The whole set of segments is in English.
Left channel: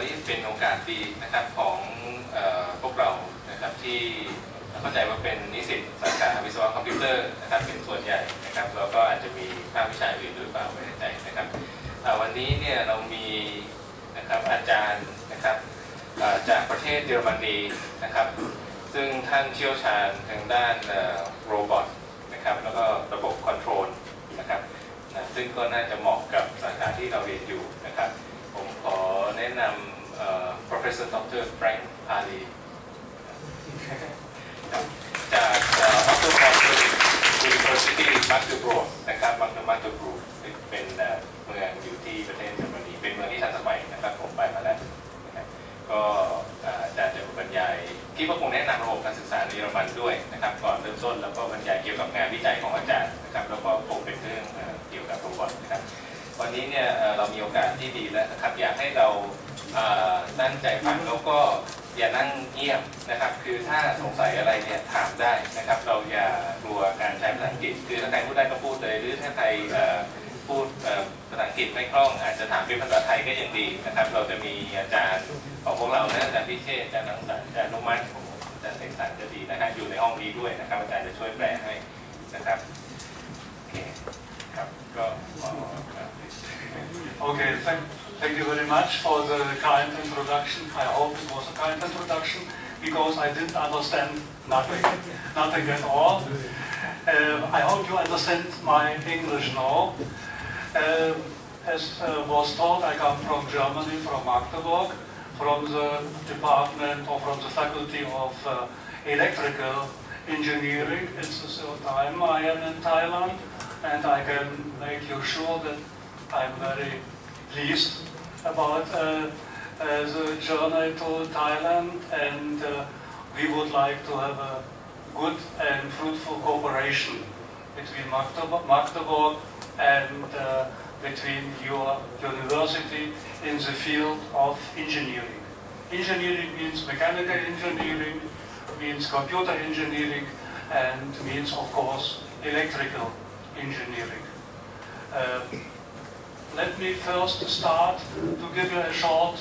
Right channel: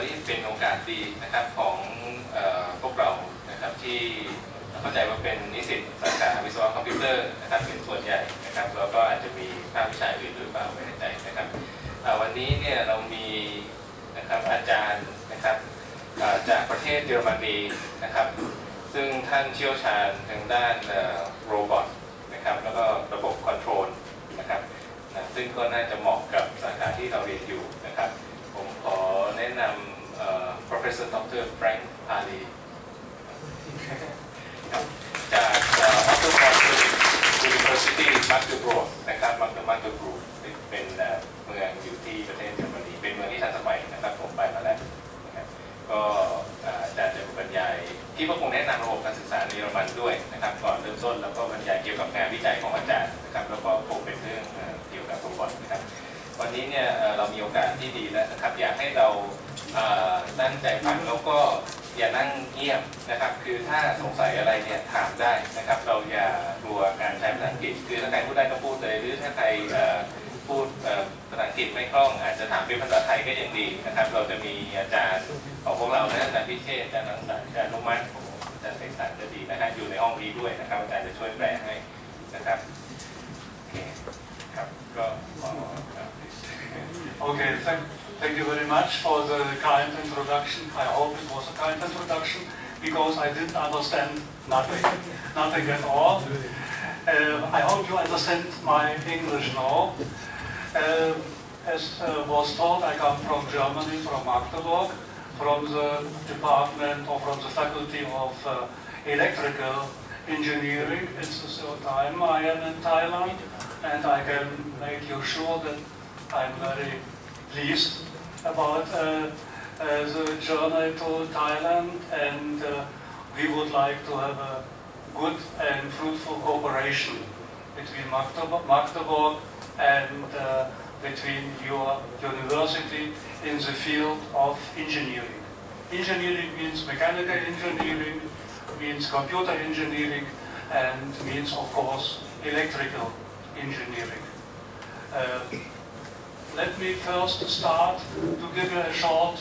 วันนี้เป็นโอกาสดีนะครับของพวกเรานะครับที่เข้าใจว่าเป็นนิสิตสาขาวิศวะคอมพิวเตอร์นะครับเป็นส่วนใหญ่นะครับแล้วก็อาจจะมีภาควิชาอื่นหรือเปล่าไม่แน่ใจนะครับวันนี้เนี่ยเรามีนะครับอาจารย์นะครับจากประเทศเยอรมนีนะครับซึ่งท่านเชี่ยวชาญทางด้านโรบอทนะครับแล้วก็ระบบคอนโทรลนะครับซึ่งก็น่าจะเหมาะกับสาขาที่เราเรียนอยู่นะครับผมขอแนะนำProfessor Dr. Frank Palis จาก Otto-von-Guericke-Universität Magdeburg นะครับMagdeburg เป็นเมืองอยู่ที่ประเทศเยอรมนีเป็นเมืองที่ทันสมัยนะครับผมไปมาแล้วนะครับก็อาจารย์จะบรรยายที่ก็คงแนะนำระบบการศึกษาในเยอรมันด้วยนะครับก่อนเริ่มต้นแล้วก็บรรยายเกี่ยวกับงานวิจัยของอาจารย์นะครับแล้วก็คงเป็นเรื่องเกี่ยวกับโรบอทนะครับวันนี้เนี่ยเรามีโอกาสที่ดีแล้วนะครับอยากให้เราตั้งใจฟังแล้วก็อย่านั่งเงียบนะครับคือถ้าสงสัยอะไรเนี่ยถามได้นะครับเราอย่ากลัวการใช้ภาษาอังกฤษคือถ้าใครพูดได้ก็พูดเลยหรือถ้าใครพูดภาษาอังกฤษไม่คล่องอาจจะถามเป็นภาษาไทยก็ยังดีนะครับเราจะมีอาจารย์ของพวกเรานะอาจารย์พิเชษอาจารย์นังสรรค์อาจารย์นุมัติอาจารย์เสกสรรจะดีนะครับอยู่ในห้องนี้ด้วยนะครับอาจารย์จะช่วยแปลให้นะครับโอเคครับก็Okay, thank you very much for the kind introduction. I hope it was a kind introduction because I didn't understand nothing at all. I hope you understand my English now. As was told, I come from Germany, from Magdeburg, from the department or from the faculty of electrical engineering. It's the third time I am in Thailand, and I can make you sure that I'm very pleased about the journey to Thailand, and we would like to have a good and fruitful cooperation between Magdeburg and between your university in the field of engineering. Engineering means mechanical engineering, means computer engineering, and means, of course, electrical engineering. Let me first start to give you a short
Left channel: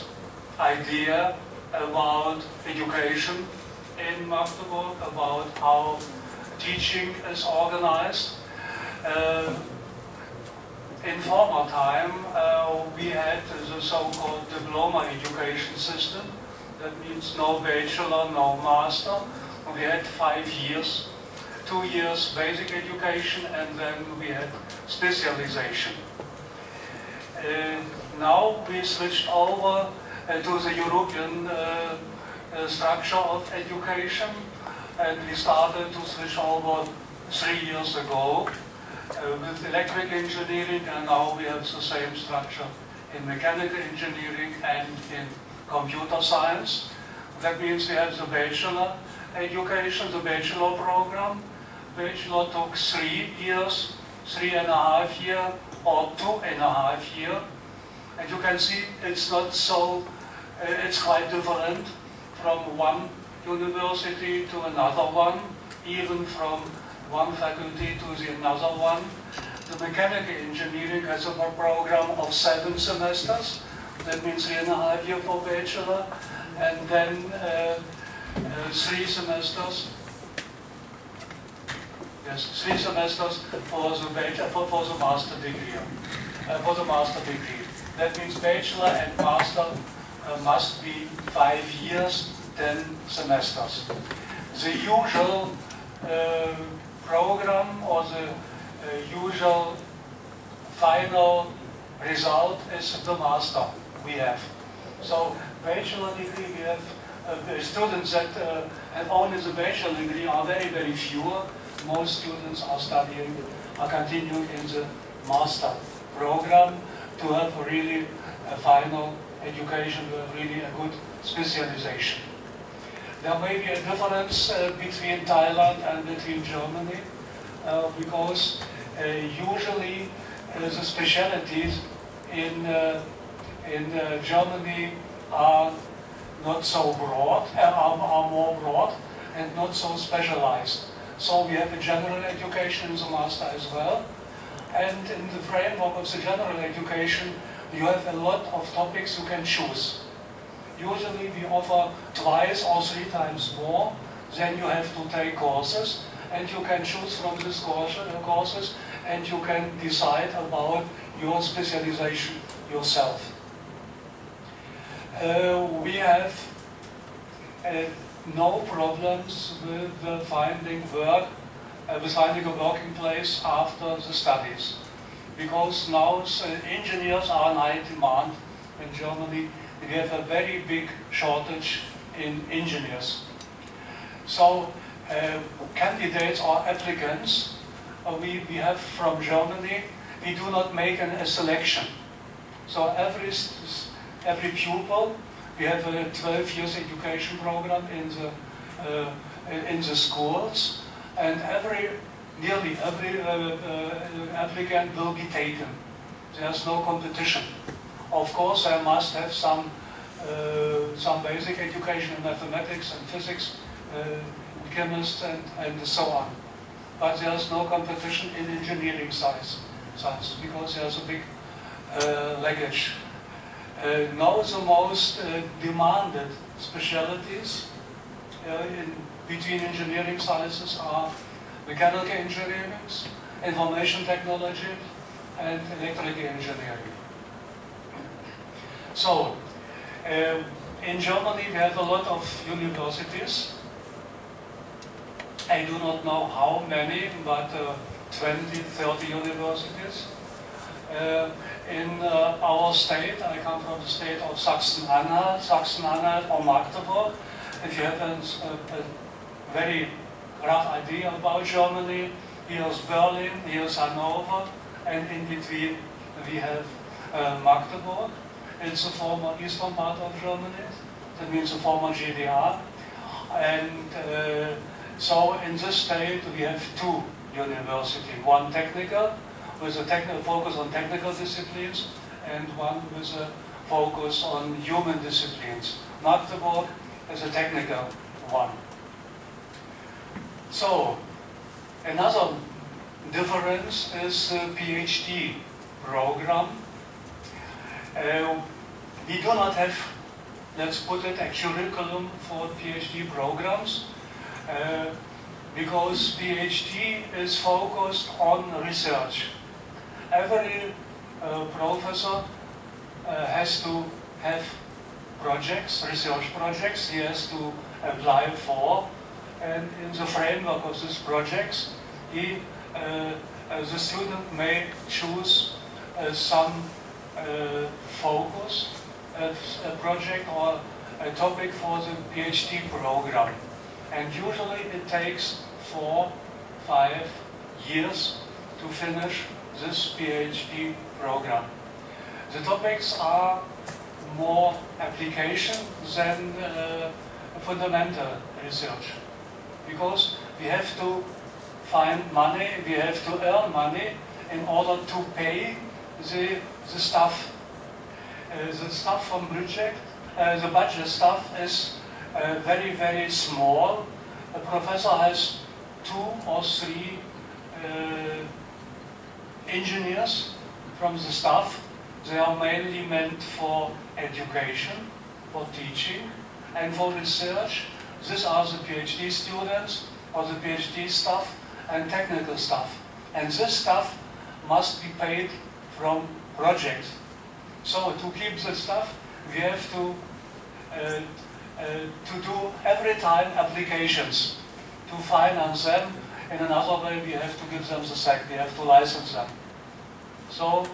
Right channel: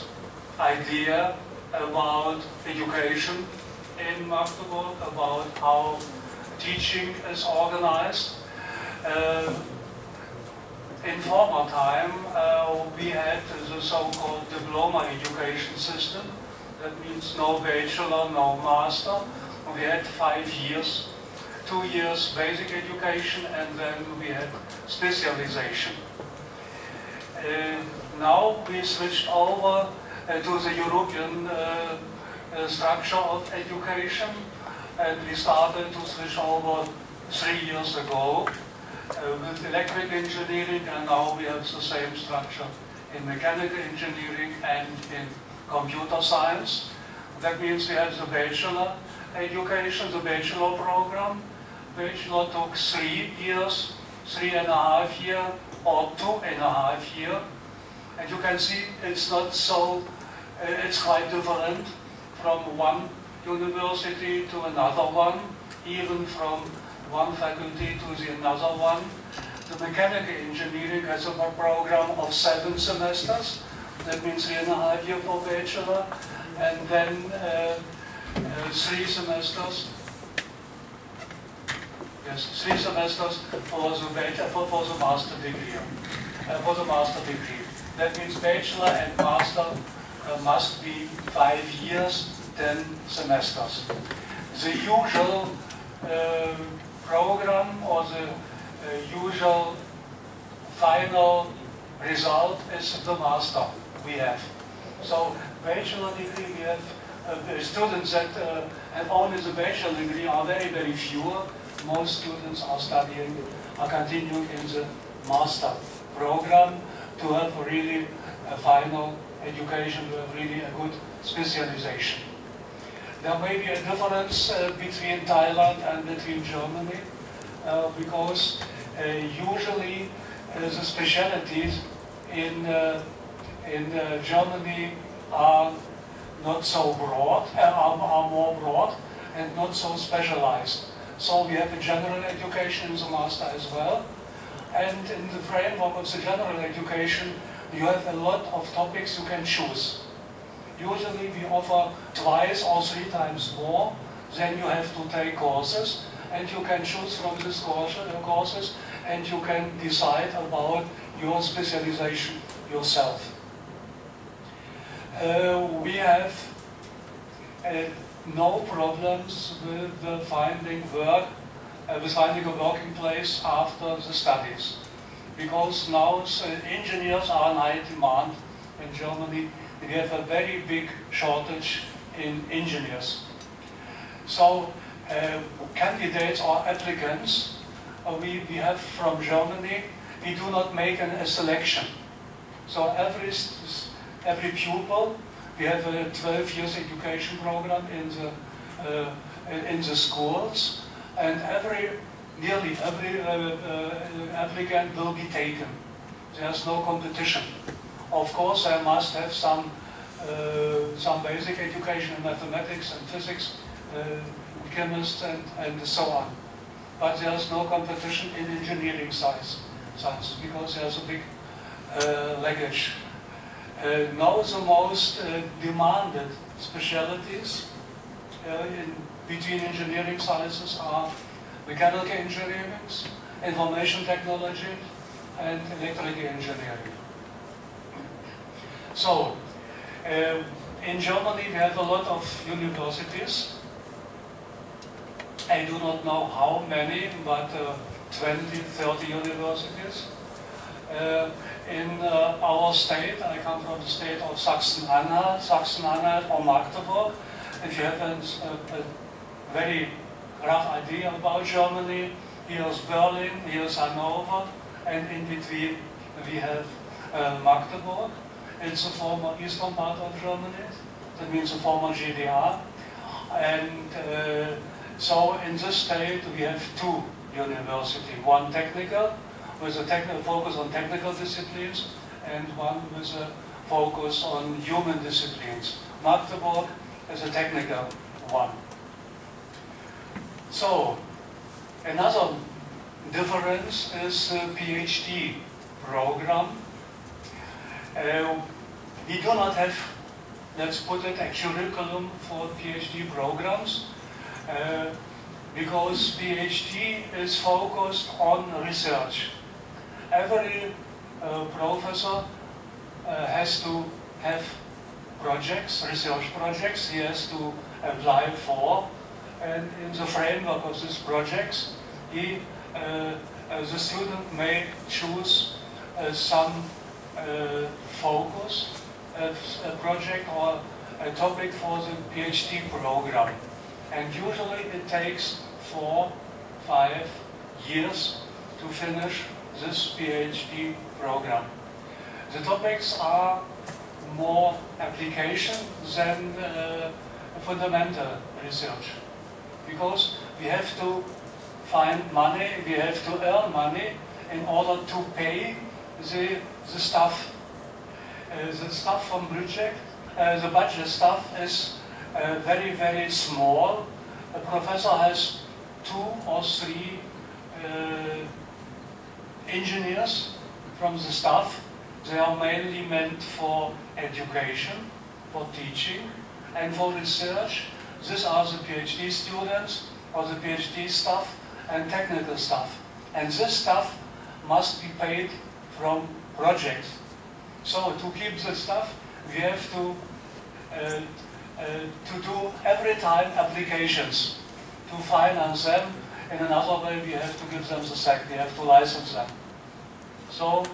idea about education in Magdeburg, about how teaching is organized. In former time, we had the so-called diploma education system. That means no bachelor, no master. We had 5 years, 2 years basic education, and then we had specialization. Now we switched over to the European structure of education, and we started to switch over 3 years ago with electrical engineering, and now we have the same structure in mechanical engineering and in computer science. That means we have the bachelor education, the bachelor program. Bachelor took 3 years, 3.5 years, or 2.5 years, and you can see it's not so, it's quite different from one university to another one, even from one faculty to the another one. The mechanical engineering has a program of 7 semesters, that means 3.5 years for bachelor, and then 3 semesters. Yes, 3 semesters for the master degree. That means bachelor and master must be 5 years, 10 semesters. The usual program or the usual final result is the master we have. So bachelor degree we have students that have only the bachelor degree are very, very few. Most students are continuing in the master program to have really a final education, to have really a good specialization. There may be a difference between Thailand and between Germany because usually the specialties in Germany are not so broad, are more broad and not so specialized. So we have a general education in the master as well. And in the framework of the general education, you have a lot of topics you can choose. Usually we offer twice or 3 times more. Then you have to take courses, and you can choose from these courses, and you can decide about your specialization yourself. We have no problems with finding work, with finding a working place after the studies, because now engineers are in high demand in Germany. We have a very big shortage in engineers. So candidates or applicants we have from Germany, we do not make a selection. So every pupil, we have a 12 years education program in the schools, and nearly every applicant will be taken. There's no competition. Of course, I must have some basic education in mathematics and physics, chemists and so on. But there's no competition in engineering science because there's a big laggage. Now the most demanded specialties between engineering sciences are mechanical engineering, information technology, and electrical engineering. So, in Germany we have a lot of universities. I do not know how many, but 20, 30 universities. In our state, I come from the state of Sachsen-Anhalt or Magdeburg. If you have a very rough idea about Germany, here's Berlin, here's Hanover, and in between we have Magdeburg. It's the former eastern part of Germany, that means the former GDR. And so in this state we have 2 universities, one technical, with a technical focus on technical disciplines, and one with a focus on human disciplines. Magdeburg is a technical one. So, another difference is the PhD program. We do not have, let's put it, a curriculum for PhD programs, because PhD is focused on research. Every professor has to have projects, research projects he has to apply for, and in the framework of these projects, the student may choose some focus, a project or a topic for the PhD program. And usually it takes 4-5 years to finish this PhD program. The topics are more application than fundamental research, because we have to find money, we have to earn money in order to pay the staff. The staff from budget, the budget staff is very, very small. A professor has 2 or 3 engineers from the staff. They are mainly meant for education, for teaching, and for research. These are the PhD students, or the PhD staff, and technical staff. And this staff must be paid from projects. So to keep the staff, we have to do every time applications to finance them. In another way, we have to give them the SEC, we have to license them. So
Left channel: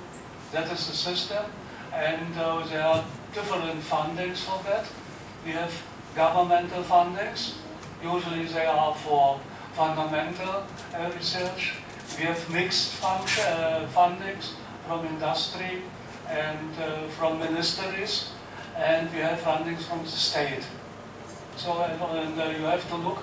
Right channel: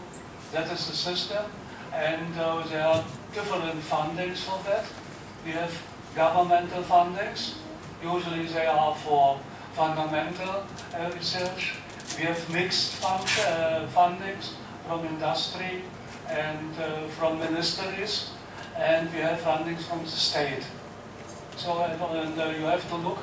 that is the system, and there are different fundings for that. We have governmental fundings. Usually they are for fundamental research. We have mixed fundings from industry and from ministries, and we have fundings from the state. So you have to look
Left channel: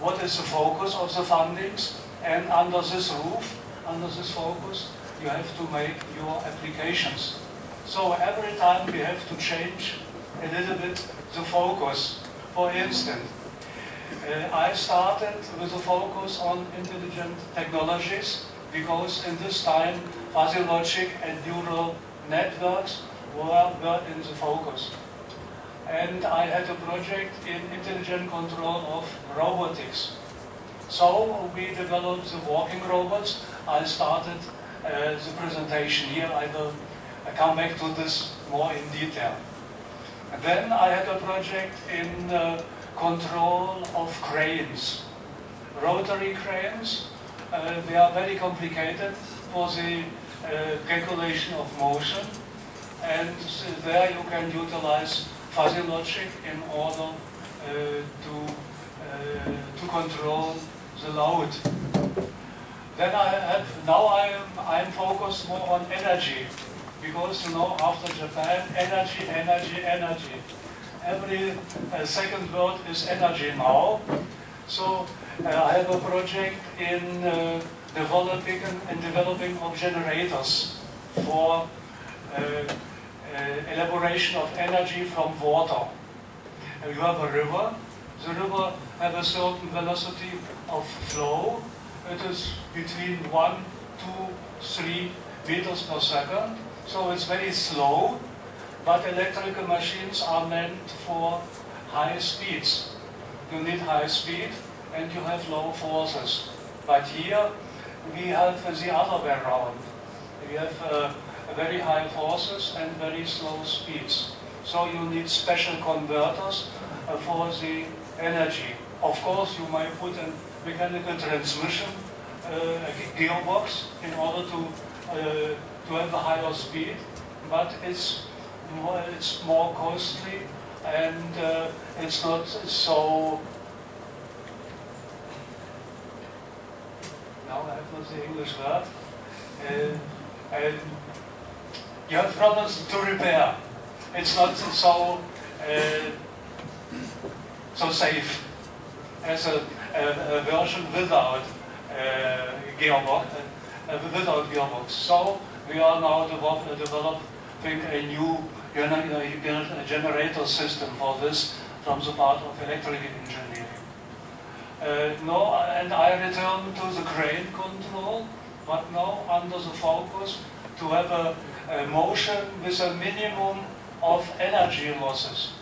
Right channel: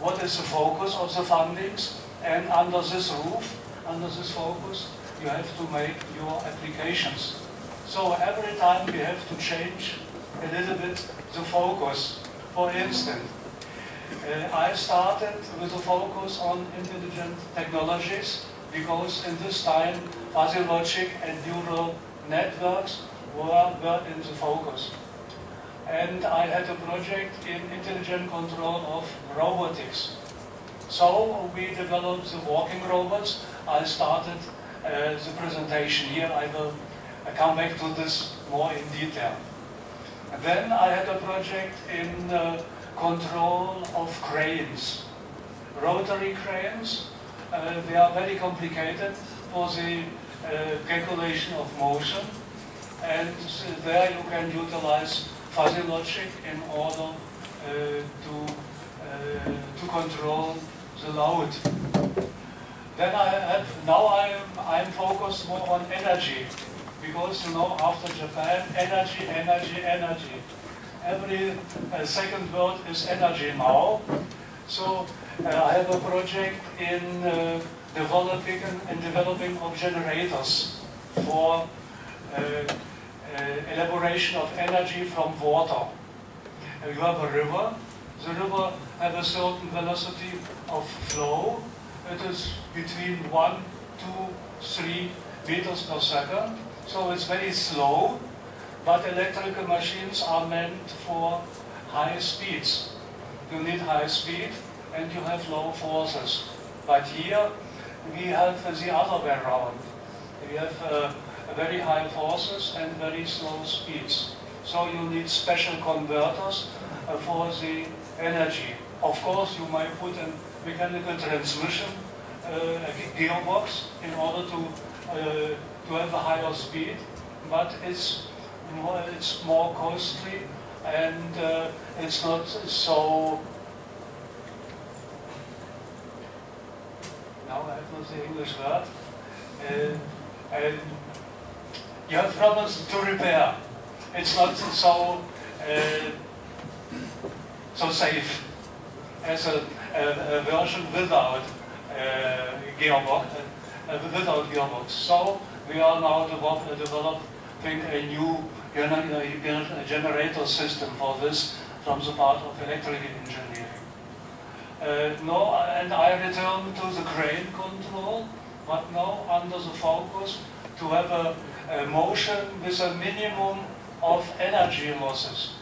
what is the focus of the fundings, and under this roof, under this focus, you have to make your applications. So every time we have to change a little bit the focus. For instance, I started with a focus on intelligent technologies, because in this time fuzzy logic and neural networks were in the focus. and I had a project in intelligent control of robotics. So we developed the walking robots. I started the presentation here. I will come back to this more in detail. And then I had a project in control of cranes, rotary cranes. They are very complicated for the calculation of motion, and there you can utilize fuzzy logic in order to control the load. Then I'm focused more on energy, because you know, after Japan, energy. Every second word is energy now. So I have a project in developing of generators for elaboration of energy from water. You have a river. The river has a certain velocity of flow. It is between 1, 2, 3 meters per second. So it's very slow, but electrical machines are meant for high speeds. You need high speed and you have low forces. But here we have the other way around. We have very high forces and very slow speeds. So you need special converters for the energy. Of course, you might put a mechanical transmission gearbox in order to have a higher speed, but it's more costly and it's not so. Now I have not the English word. You have problems to repair. It's not so safe as a version without gearbox. So we are now developing a new generator system for this from the part of electrical engineering. And I return to the crane control, but now under the focus to have a motion with a minimum of energy losses.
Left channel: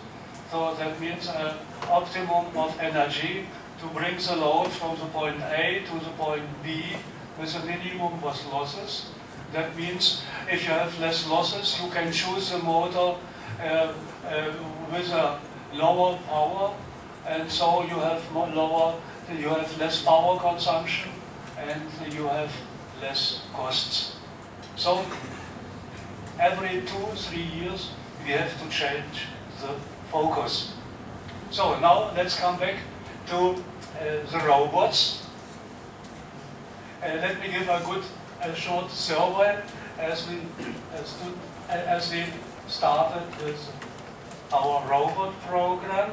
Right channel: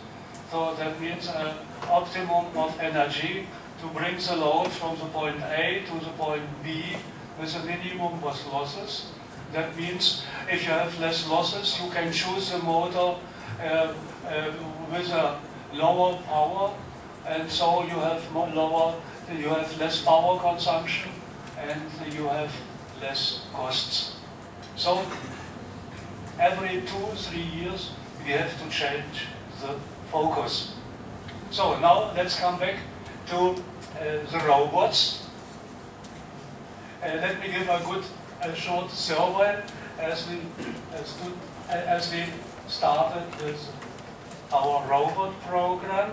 So that means an optimum of energy to bring the load from the point A to the point B with a minimum of losses. That means if you have less losses, you can choose the motor with a lower power, and so you have less power consumption and you have less costs. So every 2-3 years we have to change the focus. So now let's come back to the robots. Let me give a short survey as we started with our robot program.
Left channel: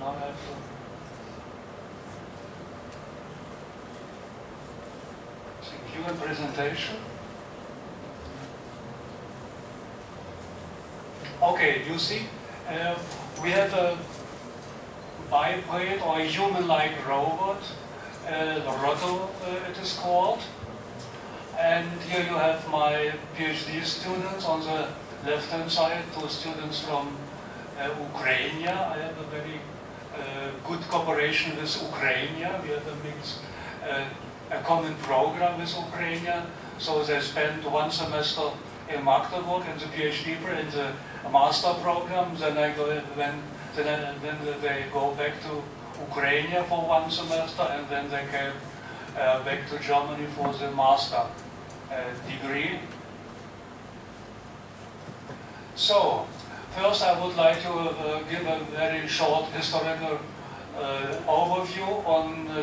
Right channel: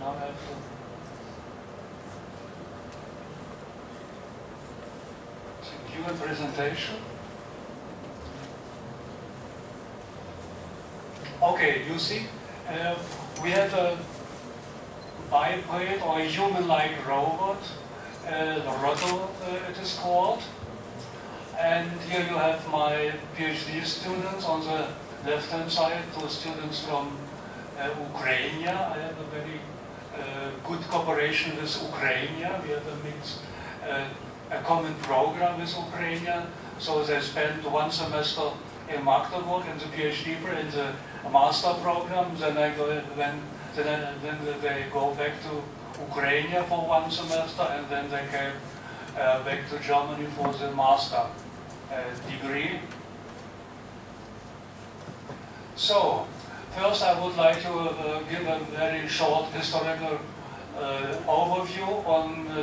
Now I have to secure presentation. Okay, you see, we have a biped or human-like robot, Rotto it is called. And here you have my PhD students on the left-hand side, those students from Ukraine. I have a very good cooperation with Ukraine. We have a common program with Ukraine. So they spend 1 semester in Magdeburg in the PhD, in the master program. Then they go back to Ukraine for 1 semester, and then they came back to Germany for the master degree. So, first I would like to give a very short historical overview on the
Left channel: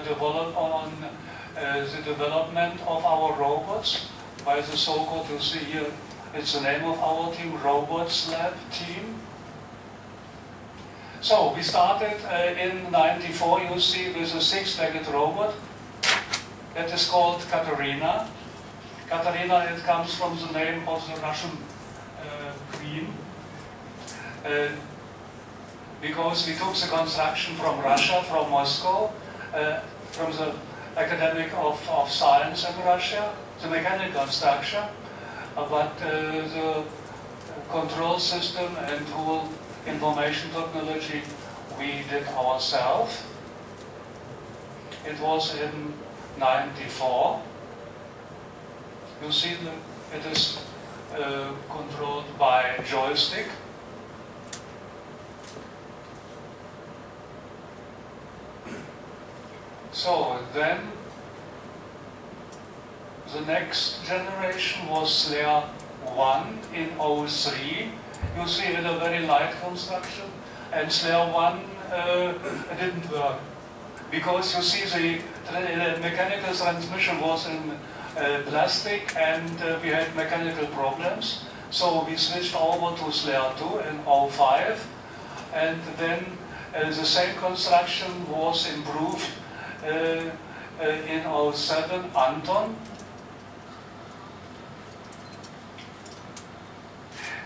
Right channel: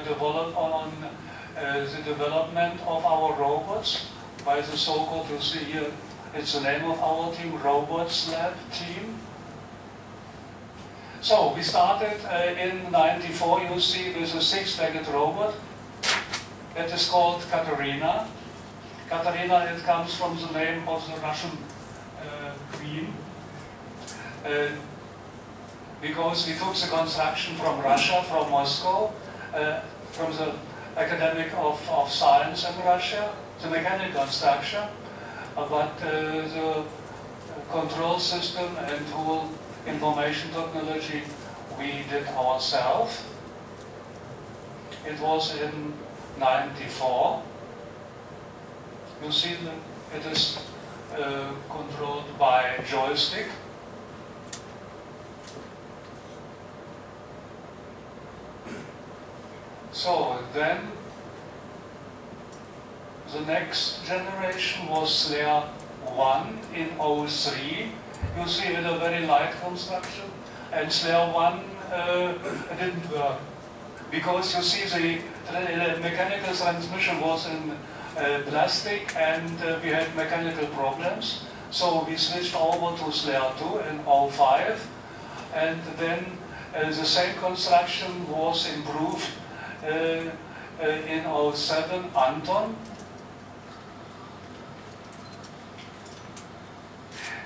development of our robots by the so-called, you see here, it's the name of our team, Robots Lab team. So we started in '94, you see, with a 6-legged robot that is called Katerina. Katerina, it comes from the name of the Russian queen. because we took the construction from Russia, from Moscow, from the Academic of Science in Russia, the mechanical structure, but the control system and whole information technology we did ourselves. It was in '94. You see that it is controlled by joystick. So then the next generation was Slayer 1 in '03. You see it a very light construction, and Slayer 1 didn't work because you see the mechanical transmission was in plastic and we had mechanical problems. So we switched over to Slayer 2 in '05, and then the same construction was improved in '07 Anton.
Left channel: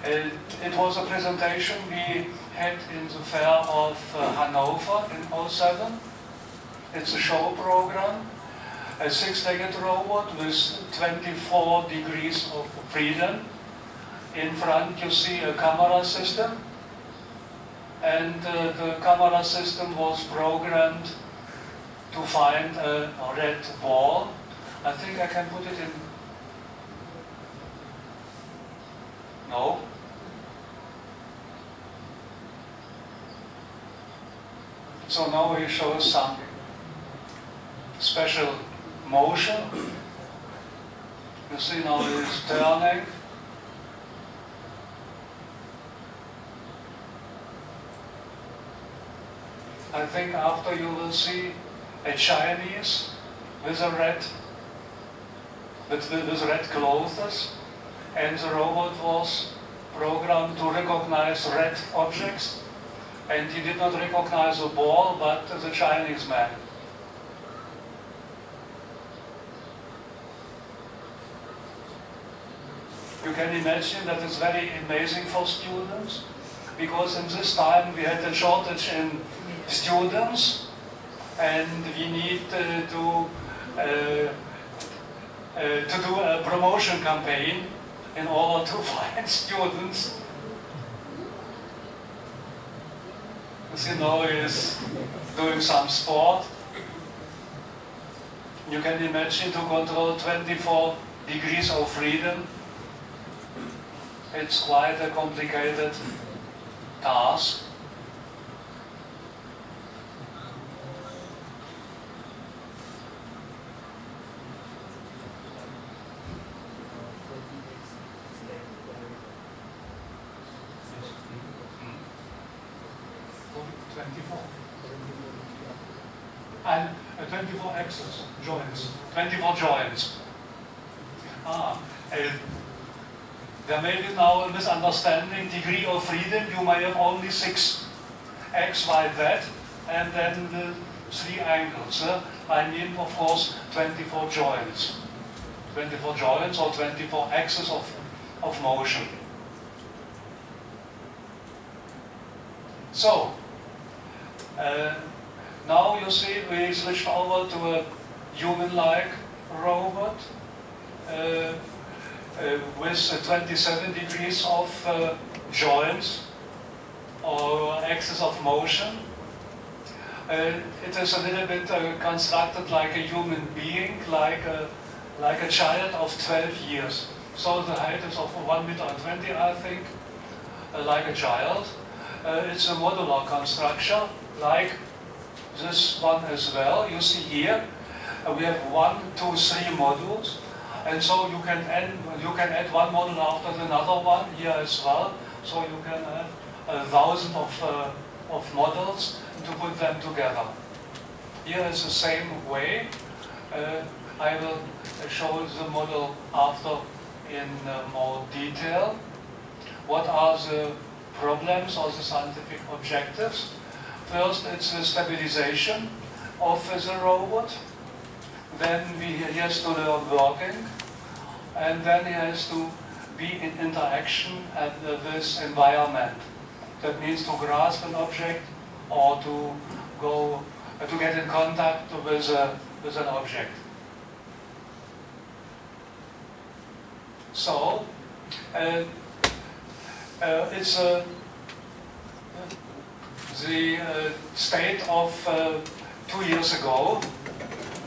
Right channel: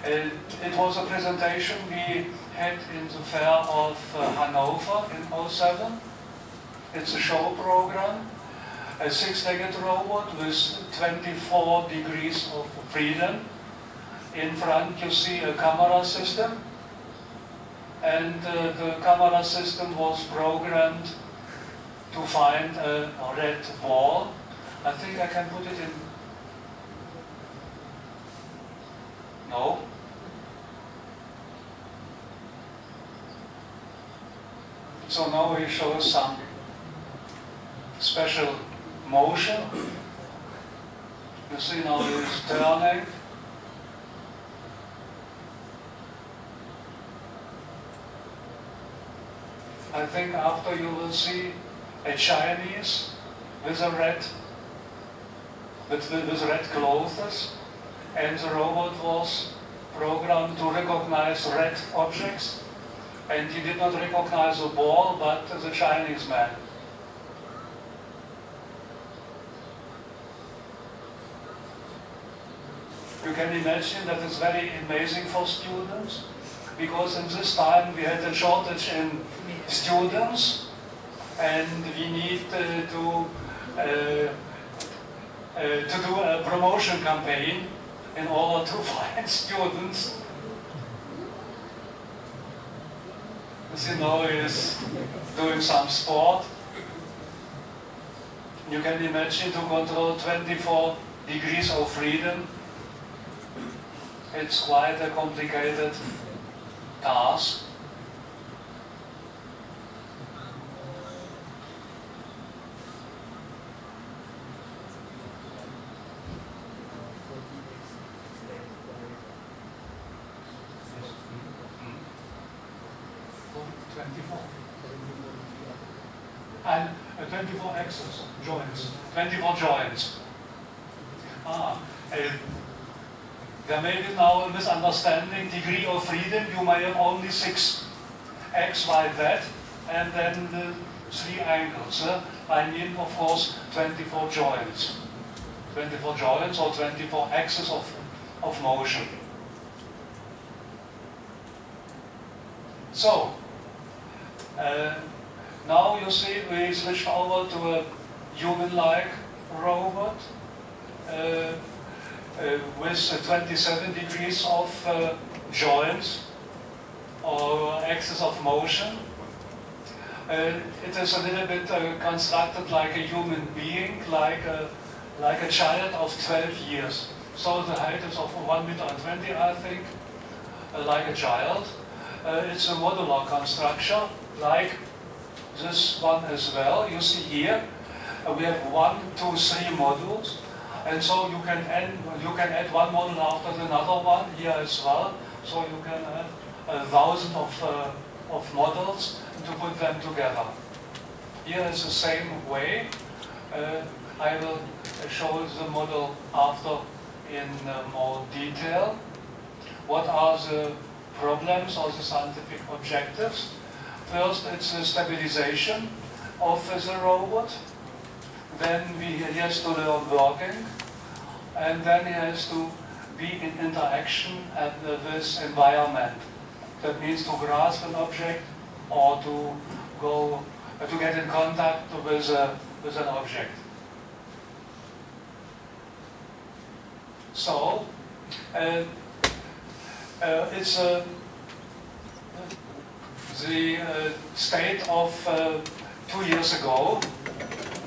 It was a presentation we had in the fair of Hanover in '07. It's a show program, a 6-legged robot with 24 degrees of freedom. In front you see a camera system, and the camera system was programmed to find a red ball. I think I can put it in. No? So now we show some special motion. You see now it's turning. I think after you will see a Chinese with a with red clothes, and the robot was programmed to recognize red objects, and he did not recognize a ball but the Chinese man. You can imagine that it's very amazing for students, because in this time we had a shortage in students, and we need to do a promotion campaign in order to find students. As you know, is doing some sport. You can imagine to control 24 degrees of freedom. It's quite a complicated task. And 24 axes, joints, 24 joints. There may be now a misunderstanding. Degree of freedom, you may have only 6 X, Y, Z, and then the 3 angles. I mean, of course, 24 joints. 24 joints or 24 axes of motion. So, now you see we switched over to a human-like robot with 27 degrees of joints or axis of motion. It is a little bit constructed like a human being, like a child of 12 years. So the height is of 1.20 meters, I think, like a child. It's a modular construction, like this one as well. You see here, we have 1, 2, 3 modules, and so you can add one module after another one here as well. So you can add 1,000 of models to put them together. Here is the same way. I will show the model after in more detail. What are the problems or the scientific objectives? First, it's the stabilization of the robot. Then he has to learn working, and then he has to be in interaction with this environment. That means to grasp an object, or to go to get in contact with an object. So it's the state of 2 years ago,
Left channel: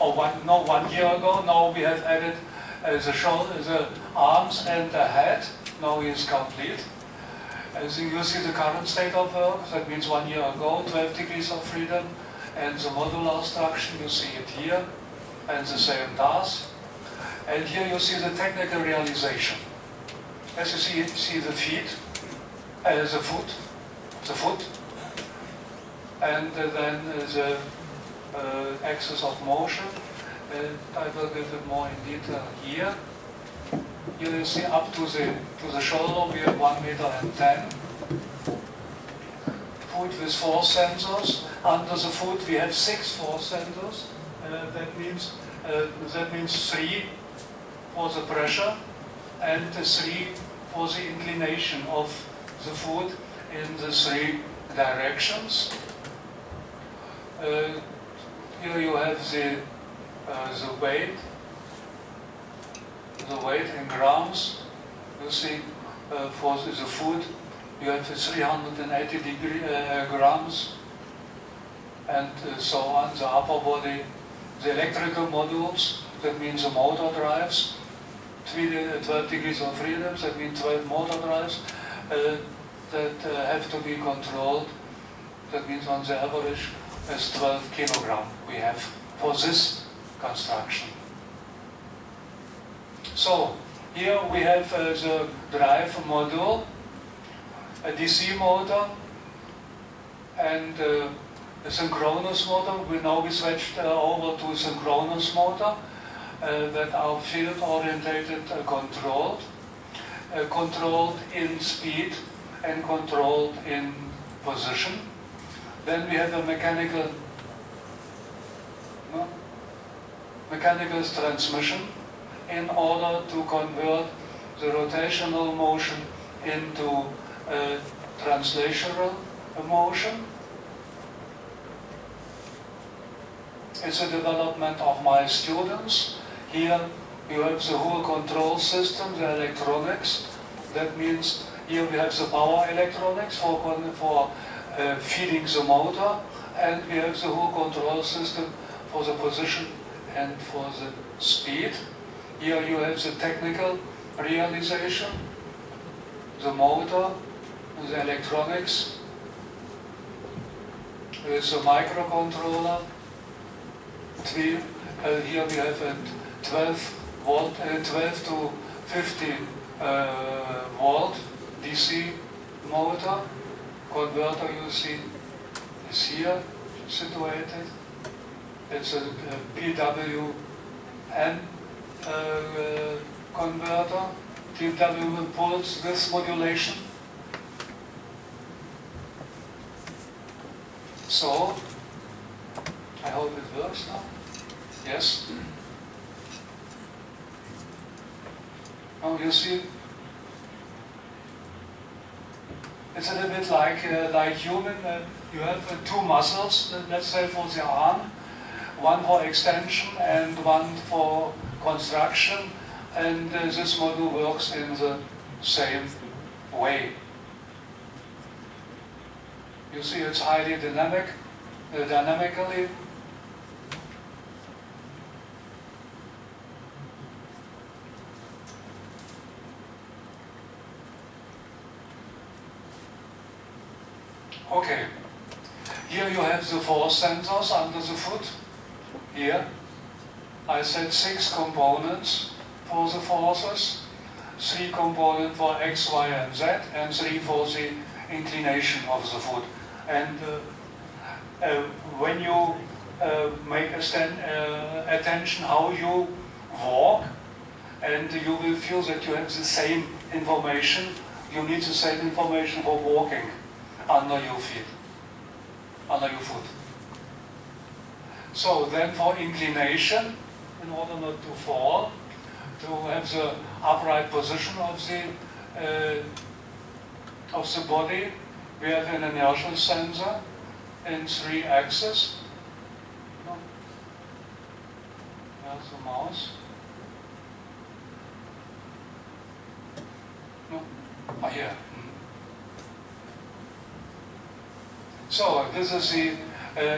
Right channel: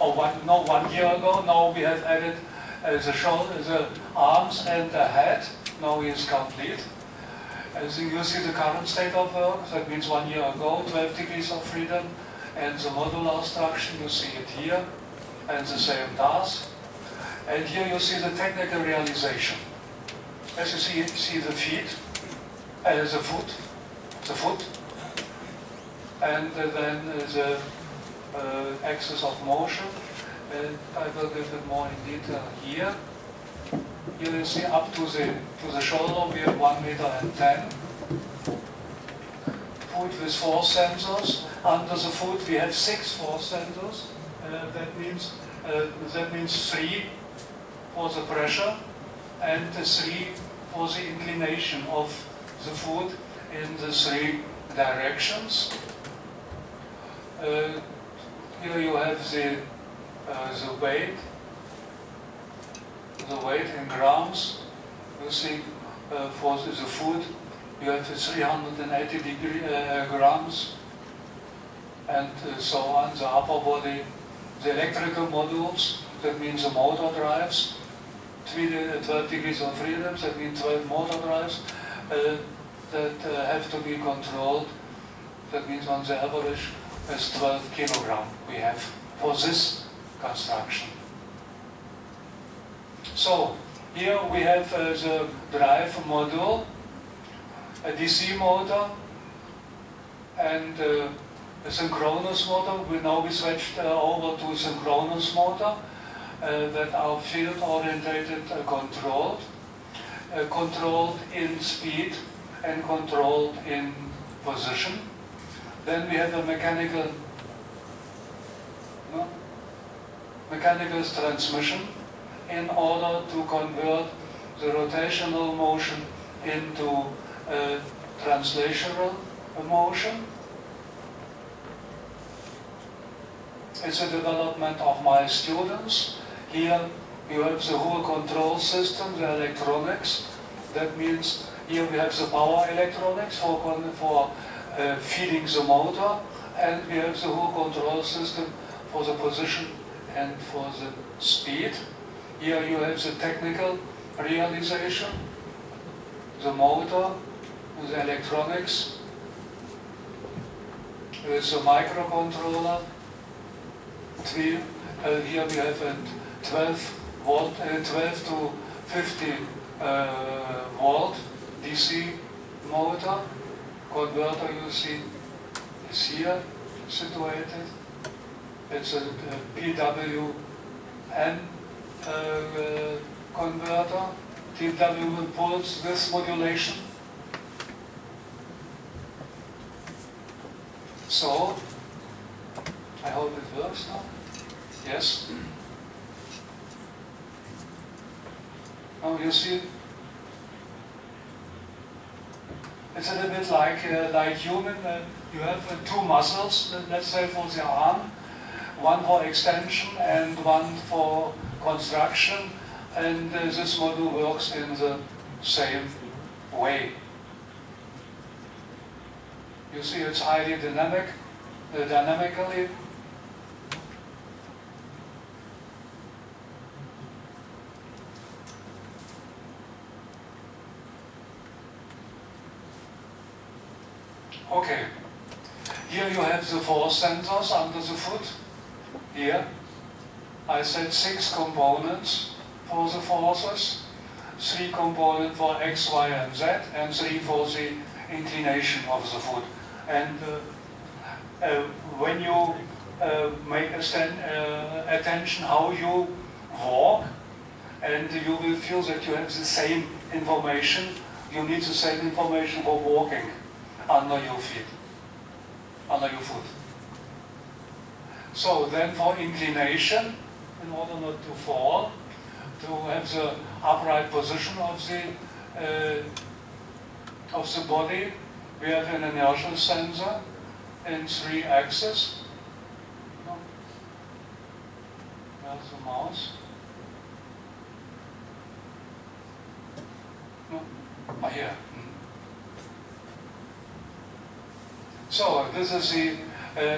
or 1 year ago. Now we have added the arms and the head. Now he is complete. As you see the current state of work, that means 1 year ago, 12 degrees of freedom, and the modular structure, you see it here, and the same task. And here you see the technical realization. As you see the feet, the foot, and then the axis of motion. And I will give it more in detail here. Here you see up to the shoulder we have 1 meter and 10. Foot with 4 sensors. Under the foot we have 6 force sensors. That means 3 for the pressure and 3 for the inclination of the foot in the 3 directions. Here you have the weight in grams. You see for the foot you have 380 grams, and so on. The upper body, the electrical modules, that means the motor drives, 12 degrees of freedom, that means 12 motor drives that have to be controlled. That means on the average is 12 kilogram we have for this construction. So here we have the drive module, a DC motor, and a synchronous motor. We switched over to synchronous motor that are field orientated, controlled, controlled in speed and controlled in position. Then we have a mechanical transmission in order to convert the rotational motion into translational motion. It's a development of my students. Here you have the whole control system, the electronics. That means here we have the power electronics for feeding the motor, and we have the whole control system for the position and for the speed. Here you have the technical realization, the motor, the electronics. There's a microcontroller. Here we have a 12 to 50 volt DC motor. Converter, you see, is here situated. It's a PWM converter. PWM pulls this modulation. So, I hope it works now. Yes? Now you see, it's a little bit like human. You have 2 muscles, let's say for the arm, one for extension and one for construction, and this module works in the same way. You see it's highly dynamically. Okay, here you have the force sensors under the foot. Here, I said 6 components for the forces, 3 components for X, Y, and Z, and 3 for the inclination of the foot. And when you make attention how you walk, and you will feel that you have the same information, you need the same information for walking under your feet, under your foot. So then for inclination, in order not to fall, to have the upright position of the body, we have an inertial sensor in 3 axes. No. There's the mouse. No. Ah, here. So this is the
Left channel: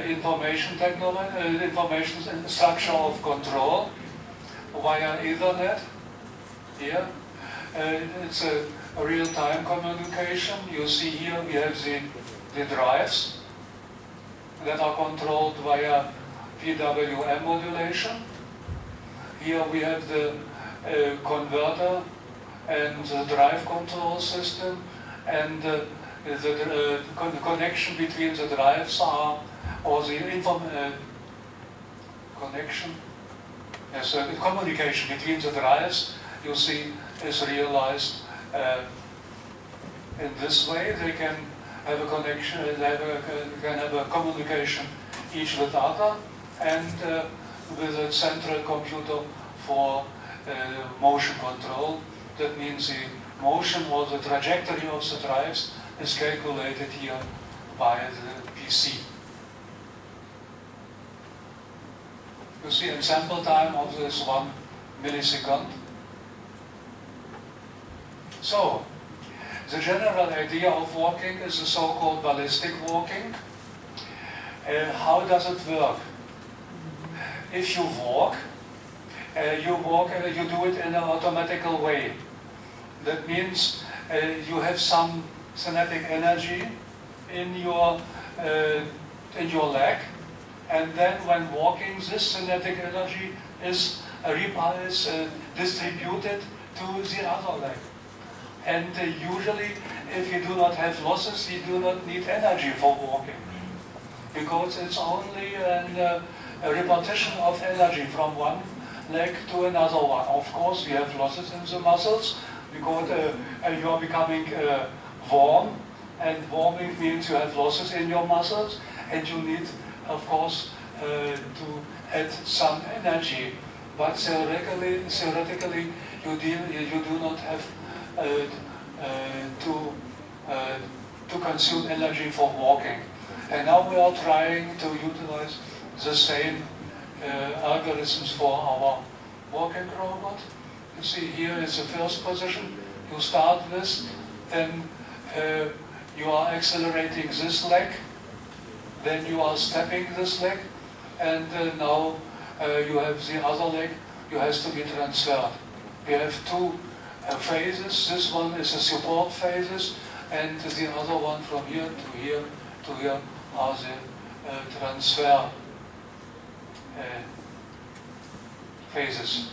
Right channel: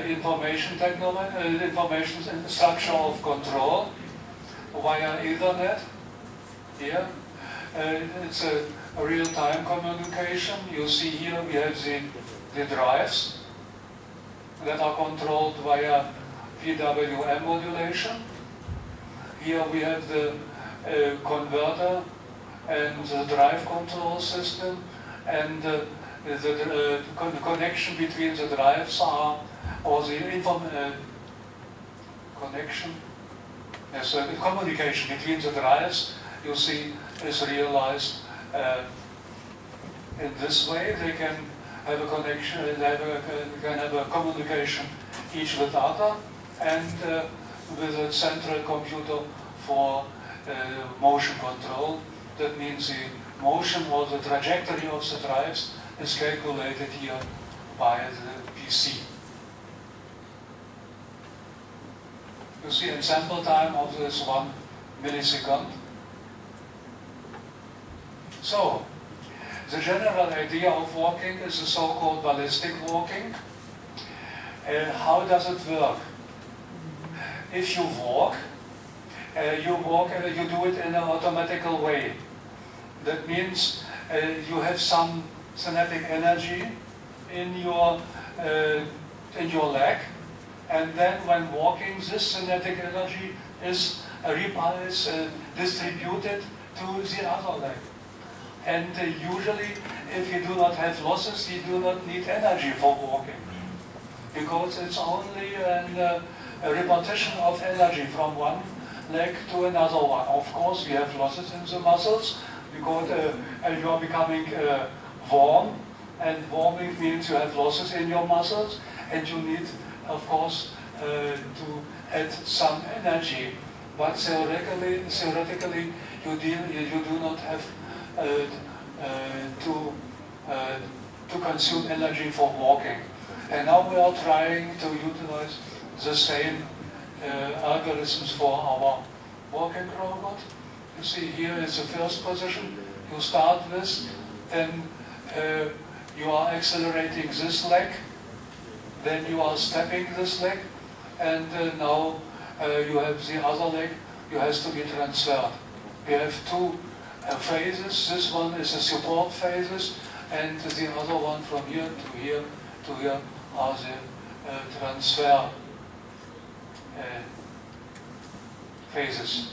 information technology, information structure of control via Ethernet. Here, it's a real-time communication. You see here we have the drives that are controlled via PWM modulation. Here we have the converter and the drive control system, and the connection between the drives are, or the connection, yes, the communication between the drives, you see, is realized in this way. They can have a connection, can have a communication each with other, and with a central computer for motion control. That means the motion or the trajectory of the drives is calculated here by the PC. You see ensemble time of this 1 millisecond. So, the general idea of walking is the so-called ballistic walking. How does it work? If you walk, you do it in an automatical way. That means you have some kinetic energy in your leg, and then when walking, this kinetic energy is distributed to the other leg. And usually, if you do not have losses, you do not need energy for walking, because it's only a repartition of energy from one leg to another one. Of course, we have losses in the muscles, because you are becoming warm, and warming means you have losses in your muscles, and you need, of course, to add some energy. But theoretically, you do not have to consume energy for walking. And now we are trying to utilize the same algorithms for our walking robot. You see here is the first position you start with, then you are accelerating this leg, then you are stepping this leg, and now you have the other leg, you has to be transferred. We have 2 phases. This one is the support phases, and the other one from here to here to here are the transfer phases.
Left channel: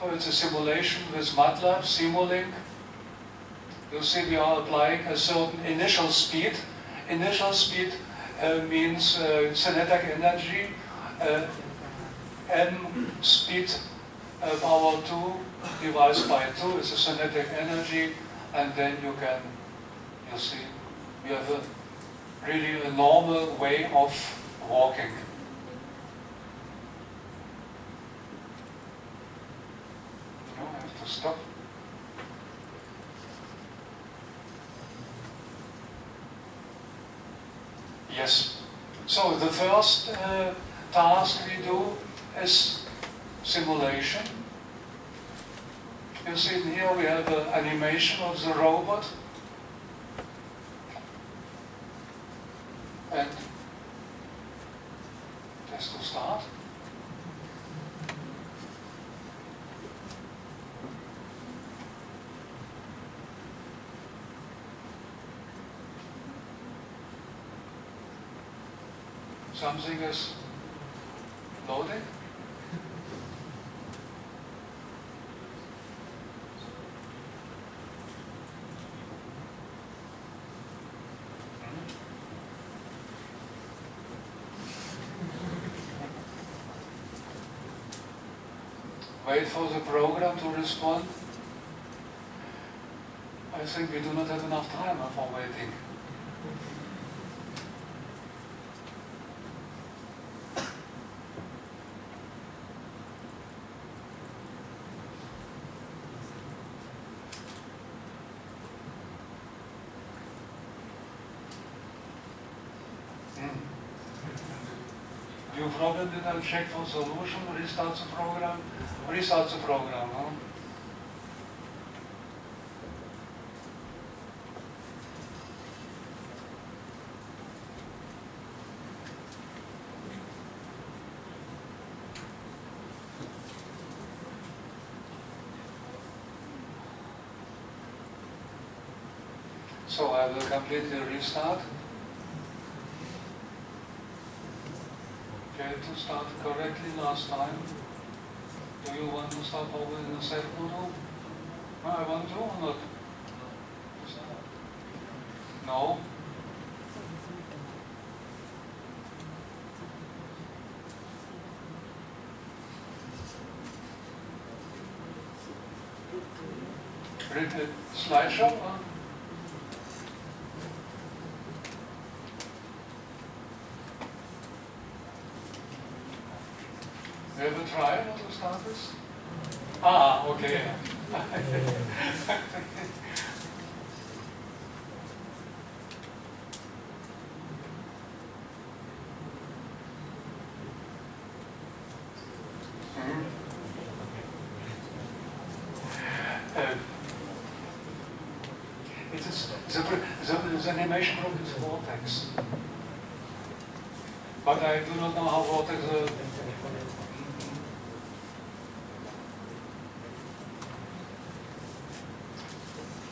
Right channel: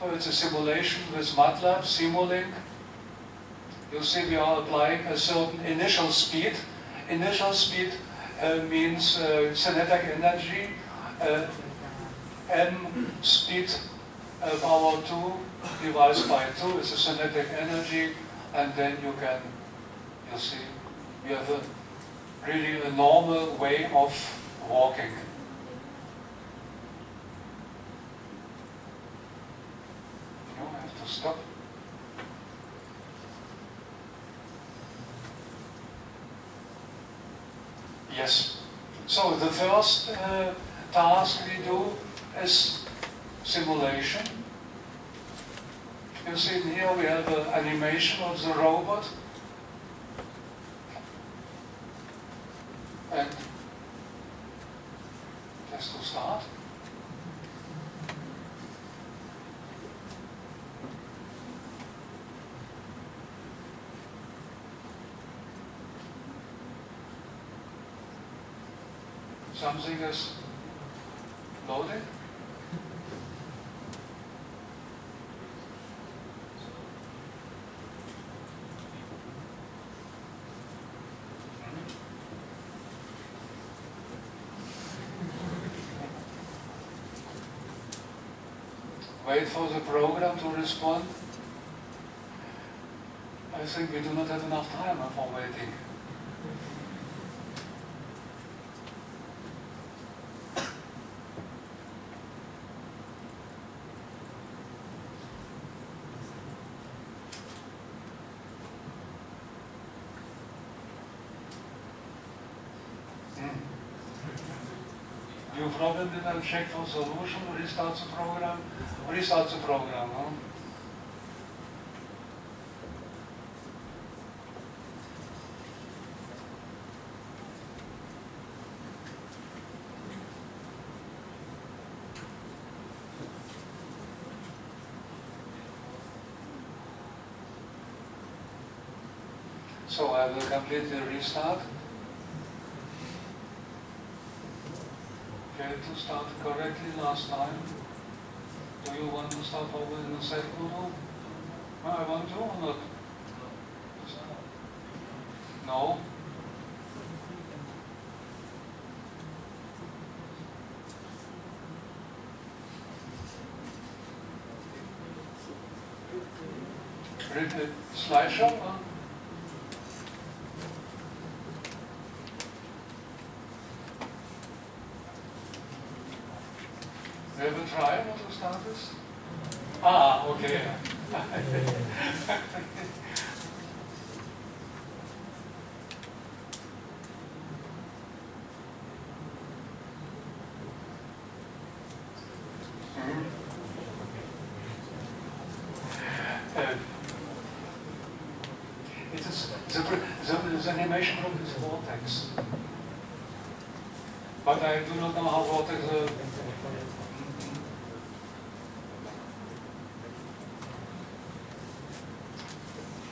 So it's a simulation with MATLAB, Simulink. You see we are applying a certain initial speed. Initial speed means kinetic energy, m speed power 2 divided by 2 is the kinetic energy, and then you see, we have really a normal way of walking. I have to stop. Yes. So the first task we do is simulation. You see here we have an animation of the robot. And just to start. Something is loading. Wait for the program to respond. I think we do not have enough time for waiting. New problem didn't check for solution, restart the program. Restart the program, huh? So I will completely restart. Okay, to start correctly last time. Do you want to start over in the set model? I want to or not? No? Read the slideshow? You ever try not to start this? Ah, okay. It is the animation from this vortex. But I do not know how vortex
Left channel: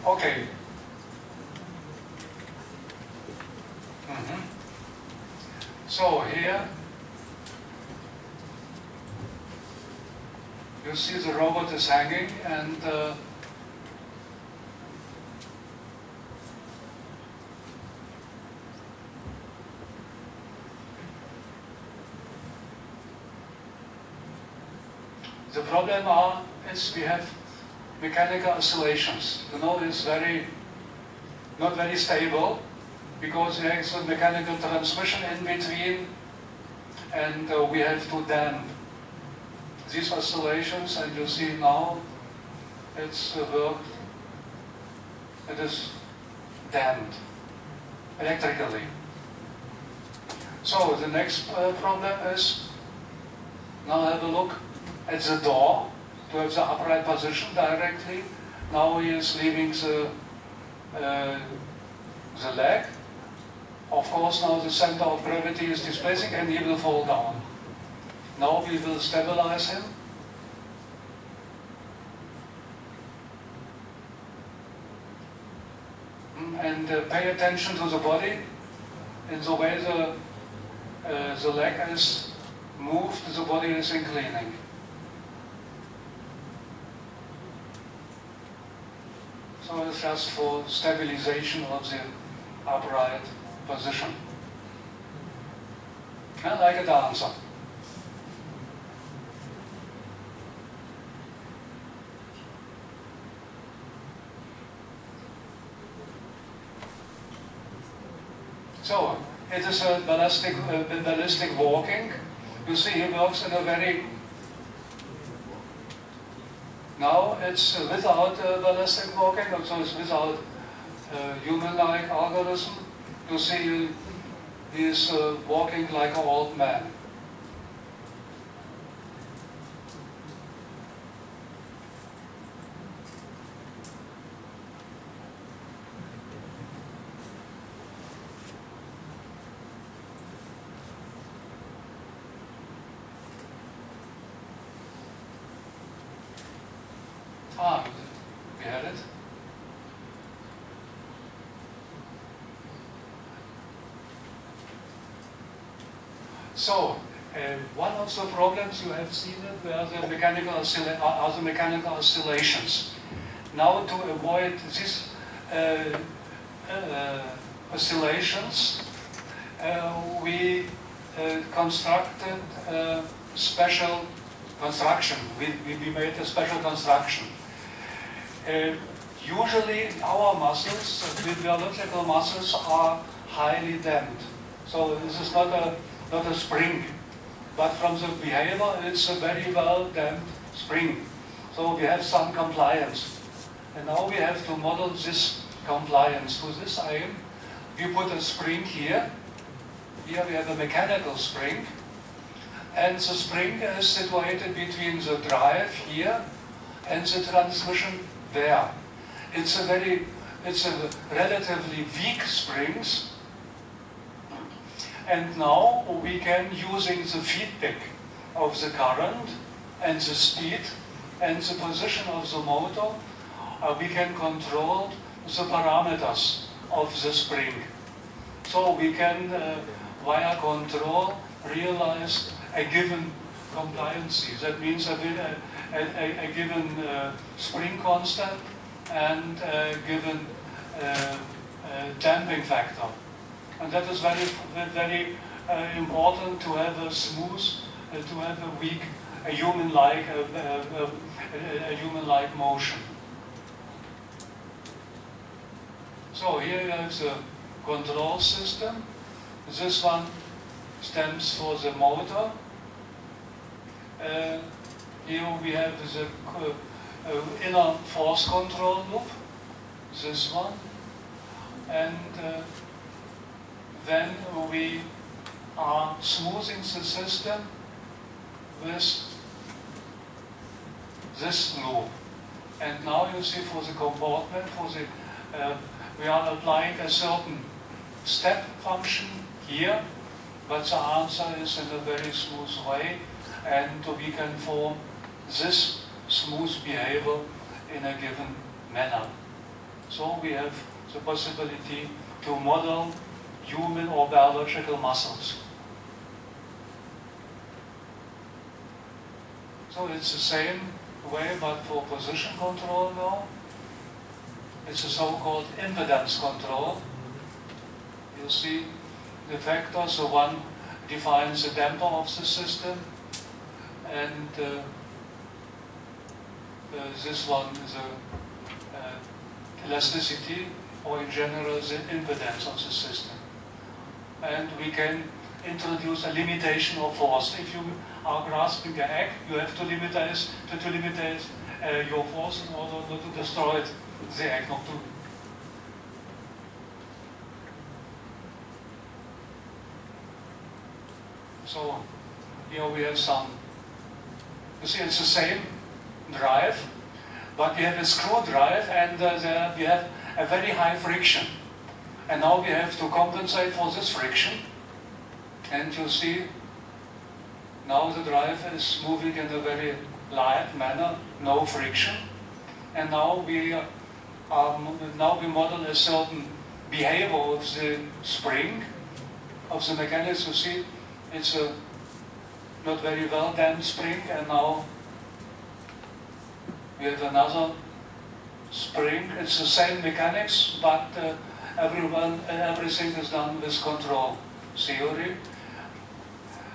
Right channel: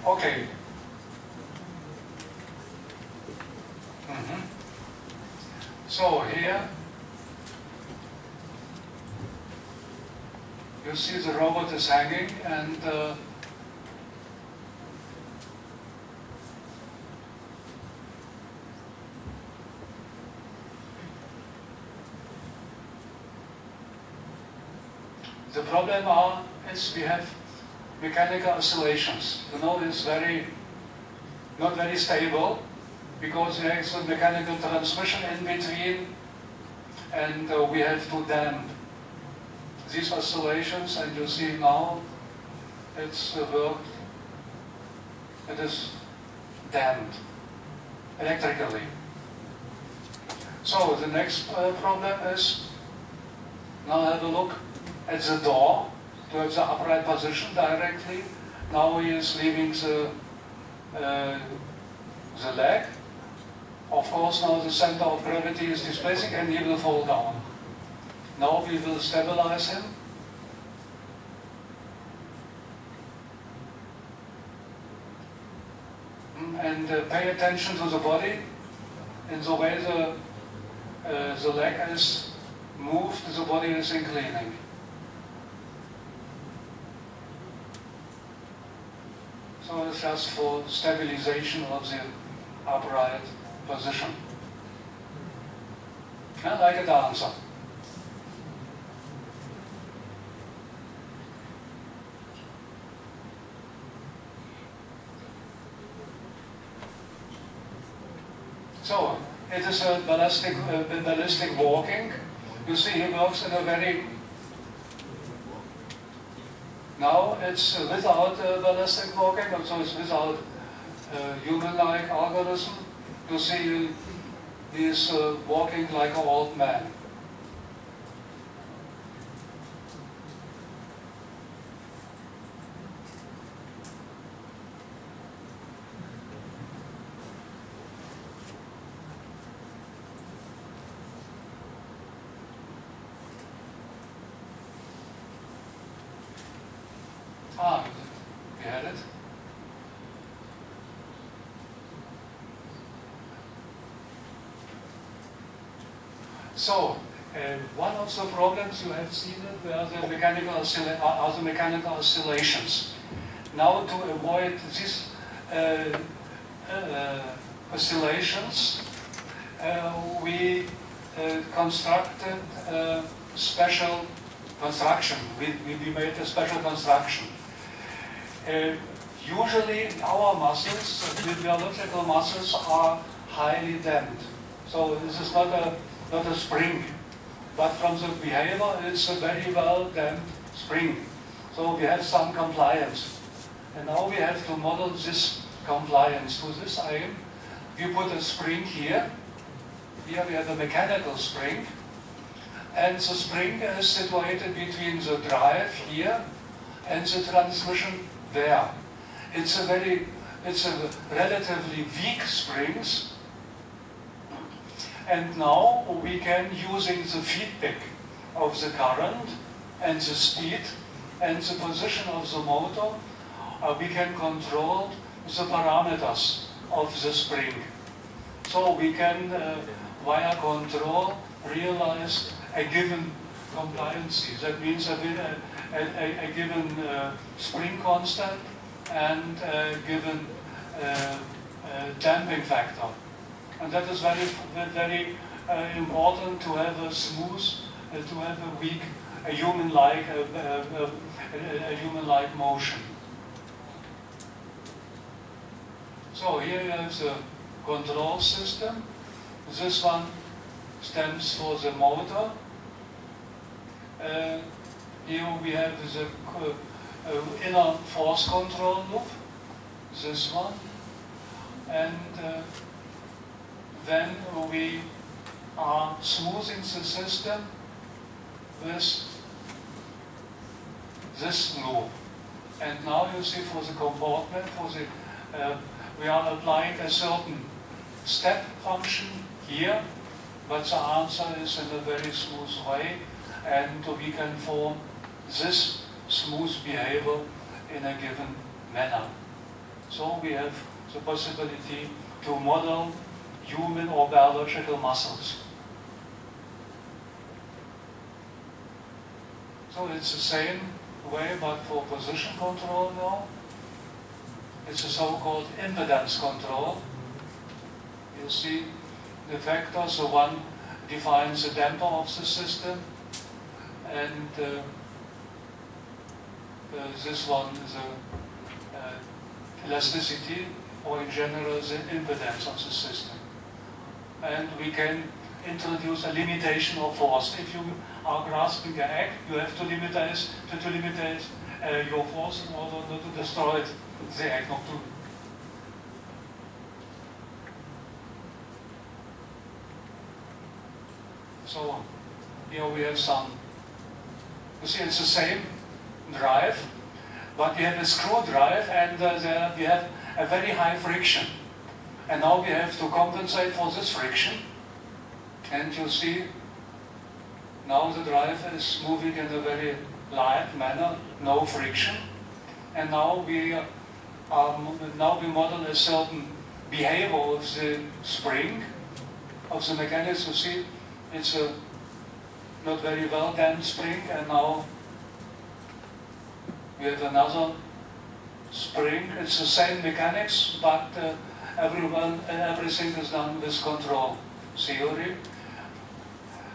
okay. So here you see the robot is hanging, and the problem is we have mechanical oscillations. You know, it's not very stable because there is a mechanical transmission in between, and we have to damp these oscillations. And you see now it's worked. It is damped electrically. So the next problem is, now have a look at the door to have the upright position directly. Now he is leaving the leg. Of course, now the center of gravity is displacing and he will fall down. Now we will stabilize him. And pay attention to the body in the way the leg is moved, the body is inclining. So it's just for stabilization of the upright position. And like a dancer. So it is a ballistic walking. You see he works in a very... Now it's without ballistic walking, so it's without human-like algorithm. You see he is walking like an old man. We had it. So, one of the problems you have seen it were the mechanical oscillations. Now, to avoid these oscillations, we constructed a special construction. We made a special construction. Usually our muscles, the biological muscles, are highly damped. So this is not a spring, but from the behavior it's a very well damped spring. So we have some compliance. And now we have to model this compliance. To this aim, we put a spring here, here we have a mechanical spring, and the spring is situated between the drive here and the transmission there. It's a relatively weak springs, and now we can, using the feedback of the current and the speed and the position of the motor, we can control the parameters of the spring. So we can, via control, realize a given compliancy. That means a given spring constant and a given damping factor. And that is very important to have a smooth, to have a weak, a human-like motion. So here you have the control system. This one stands for the motor. Here we have the inner force control loop, this one. And then we are smoothing the system with this loop. And now you see for the comportment, we are applying a certain step function here, but the answer is in a very smooth way, and we can form this smooth behavior in a given manner. So we have the possibility to model human or biological muscles. So it's the same way, but for position control now. It's a so-called impedance control. You see the vectors, the one defines the damper of the system, and this one is the elasticity, or in general the impedance of the system. And we can introduce a limitation of force. If you are grasping an egg, you have to limit your force in order not to destroy it. The egg, not to. So here we have some. You see, it's the same drive, but we have a screw drive, and there we have a very high friction. And now we have to compensate for this friction. And you see, now the drive is moving in a very light manner, no friction. And now we model a certain behavior of the spring, of the mechanics. You see, it's a not very well damped spring, and now we have another spring. It's the same mechanics, but everything is done with control theory.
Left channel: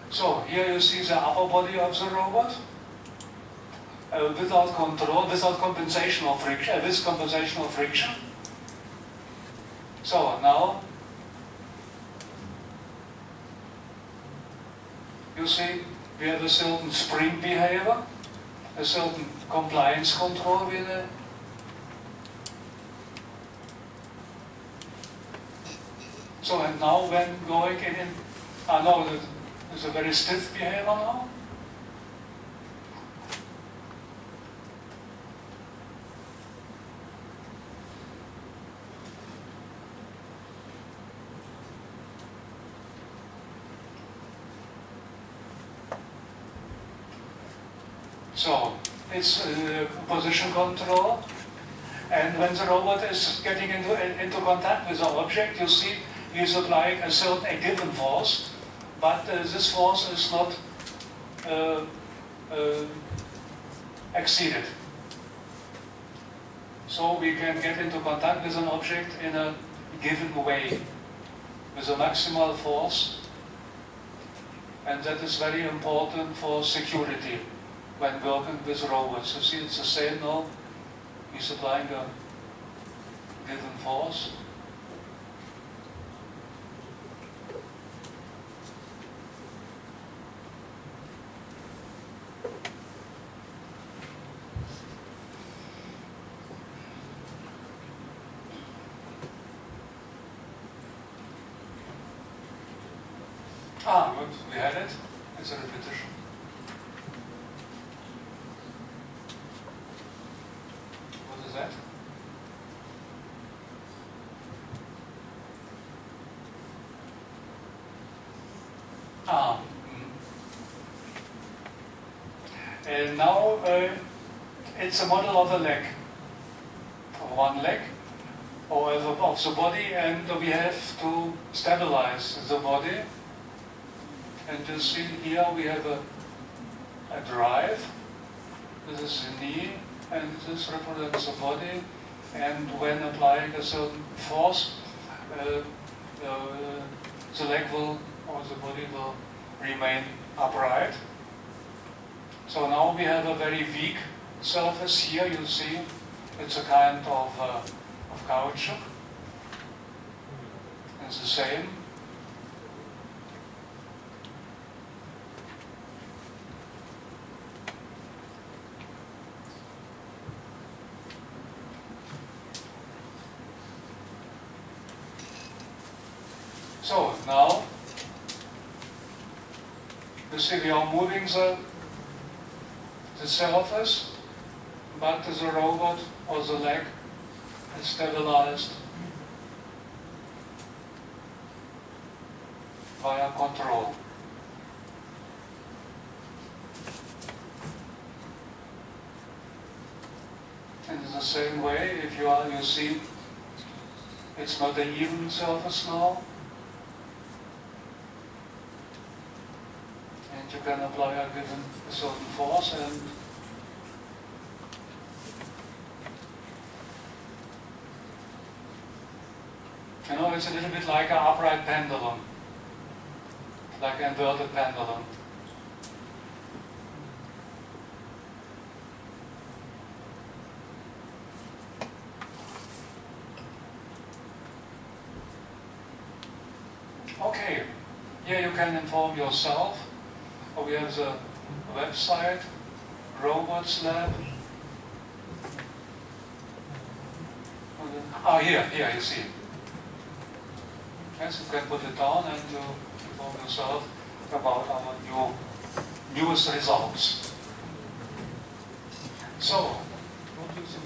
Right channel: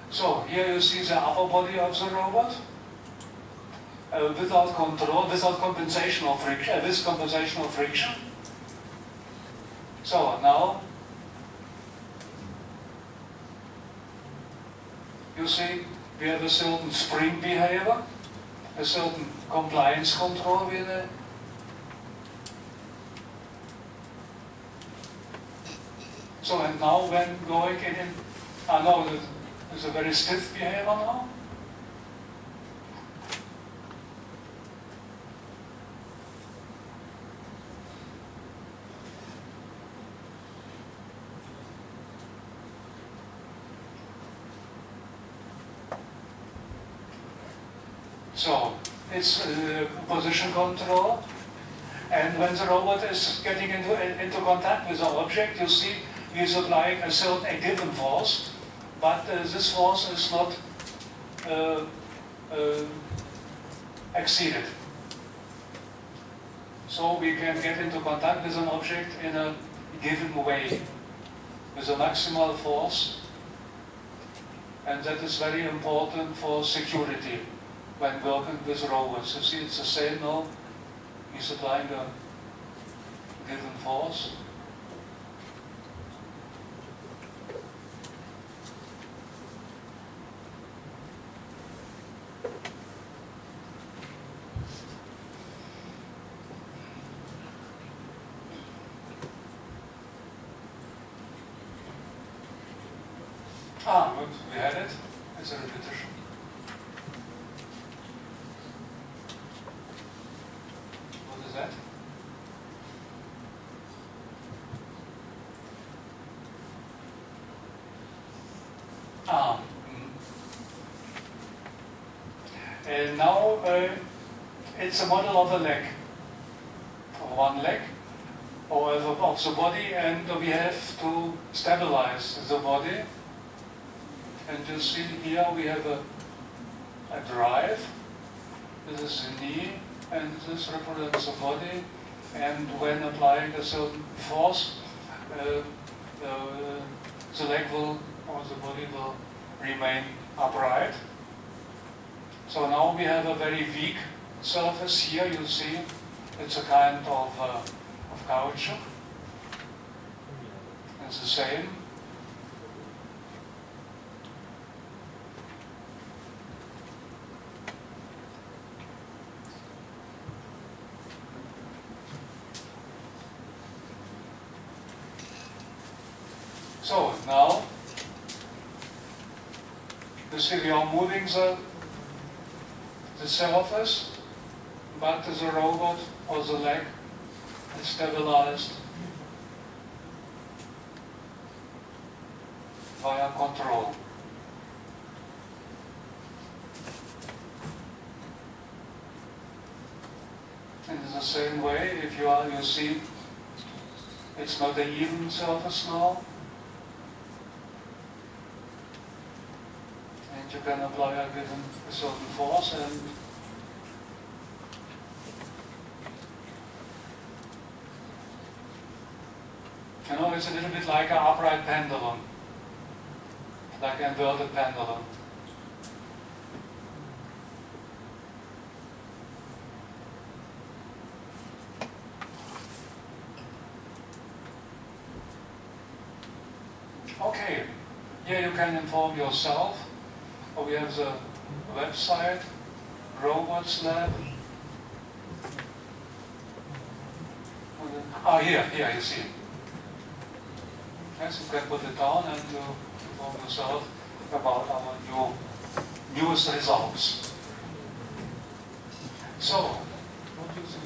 So here you see the upper body of the robot. Without control, without compensation of friction, with compensation of friction. So now you see we have a certain spring behavior, a certain compliance control with it. So and now when going in, now there's a very stiff behavior now. So it's position control, and when the robot is getting into contact with the object, you see he's applying a given force, but this force is not exceeded. So we can get into contact with an object in a given way, with a maximal force, and that is very important for security when working with robots. You see, it's the same now. He's applying a given force. Ah, good. We had it. It's a repetition. What is that? Ah. And now it's a model of a leg, of one leg, or of the body, and we have to stabilize the body. And you see here we have a drive. This is the knee, and this represents the body. And when applying a certain force, the leg will, or the body will remain upright. So now we have a very weak surface here. You see, it's a kind of caoutchouc. It's the same. So now, you see we are moving the surface, but the robot or the leg is stabilized via control. And in the same way, if you see, it's not an even surface now. You can apply a certain force, and you know, it's a little bit like an upright pendulum, like an inverted pendulum. Okay, here you can inform yourself. We have the website, Robots Lab. Ah, here you see. Yes, you can put it down and you inform yourself about our newest results. So, what do you think?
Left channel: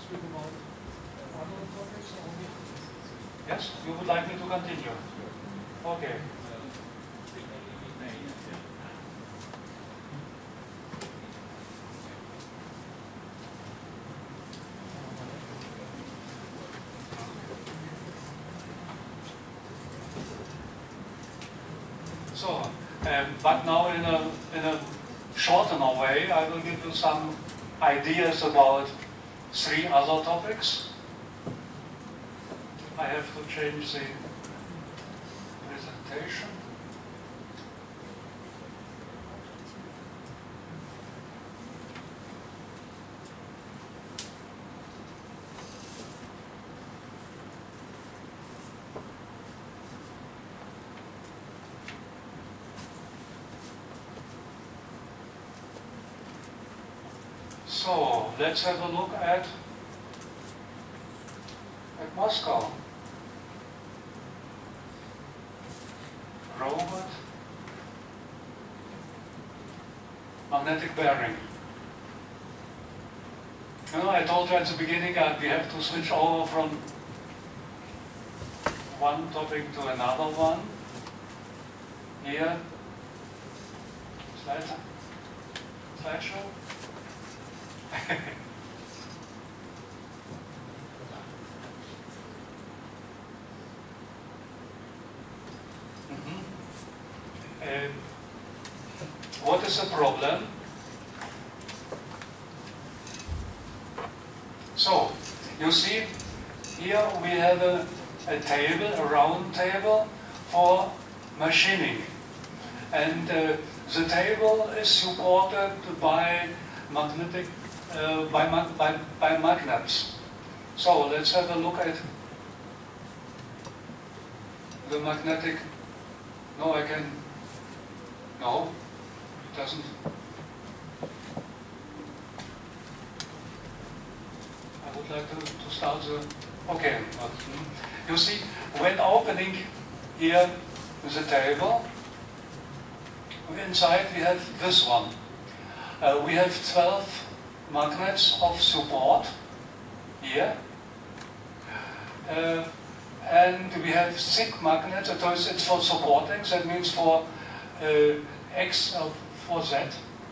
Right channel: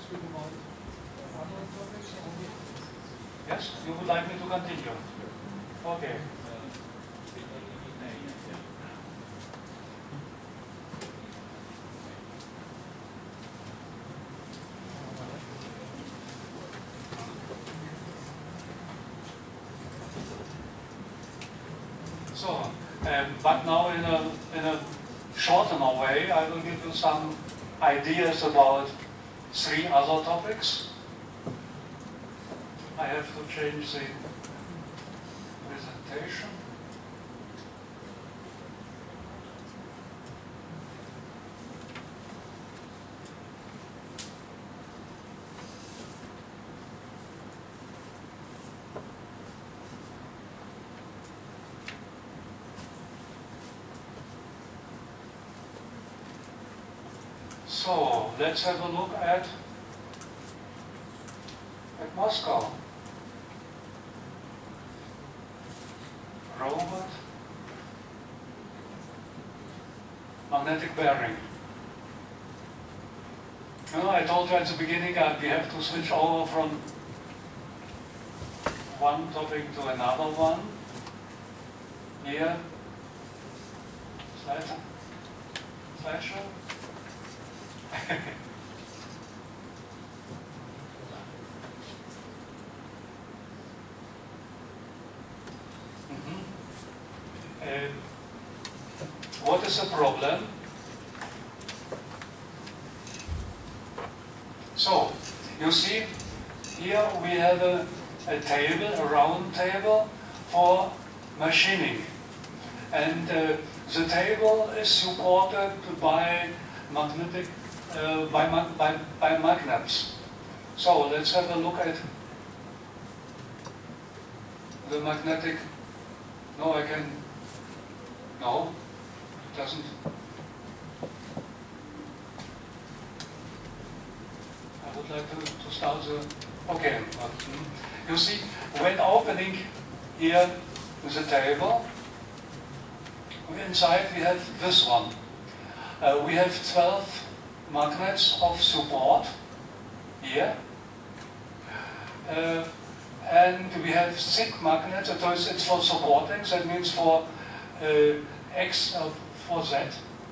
Speak about other topics? Yes, you would like me to continue? Okay. So, but now in a shorter way, I will give you some ideas about 3 other topics. I have to change the presentation. So let's have a look at Moscow. Robot, magnetic bearing. You know, I told you at the beginning that we have to switch over from one topic to another one. Here, slideshow. What is the problem? So, you see, here we have a table, a round table for machining. And the table is supported by magnetic, by magnets. So let's have a look at the magnetic. No, it doesn't. I would like to start the, okay. You see, when opening here is a table. Inside we have this one. We have 12 magnets of support here. And we have 6 magnets, it's for supporting, that means for X, for Z,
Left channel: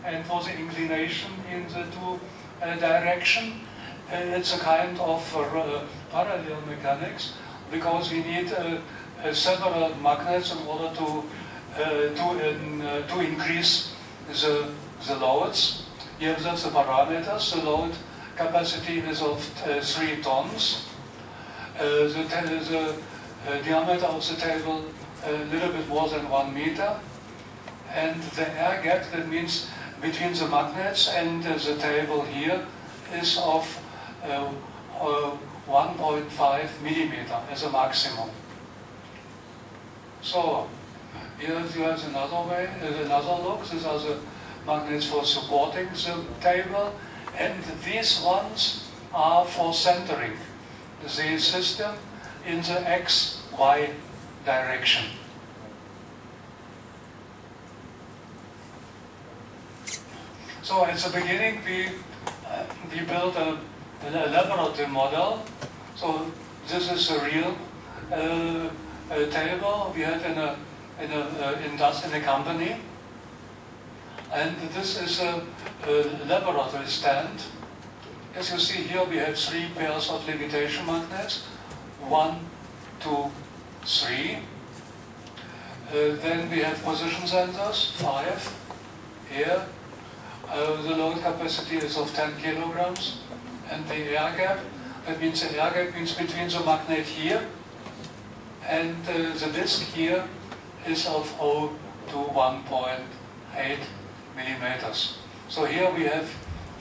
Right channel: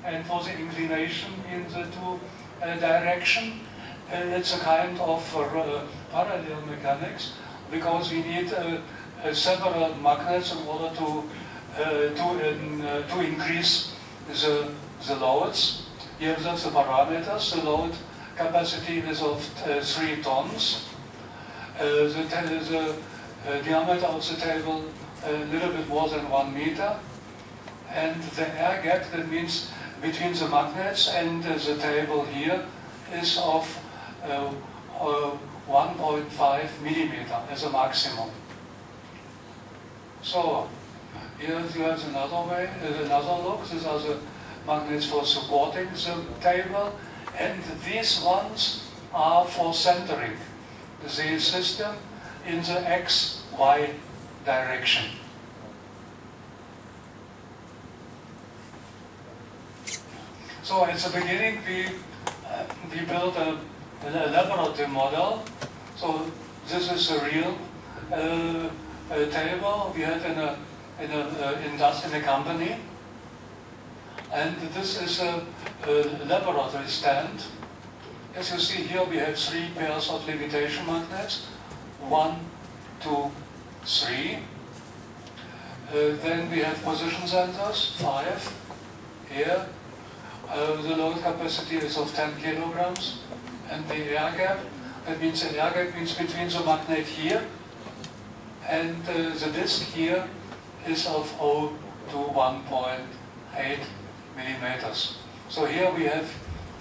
and for the inclination in the two direction. It's a kind of parallel mechanics, because we need several magnets in order to increase the loads. Here that's the parameters. The load capacity is of 3 tons. The diameter of the table a little bit more than 1 meter. And the air gap, that means between the magnets and the table here, is of 1.5 millimeter as a maximum. So here you have another way, another look. These are the magnets for supporting the table, and these ones are for centering the system in the X-Y direction. So at the beginning we built a laboratory model. So this is a real table we had in a company, and this is a laboratory stand. As you see here, we have 3 pairs of levitation magnets, 1, 2, 3. Then we have position sensors, 5 here. The load capacity is of 10 kilograms, and the air gap, that means the air gap means between the magnet here and the disk here is of 0 to 1.8 millimeters. So here we have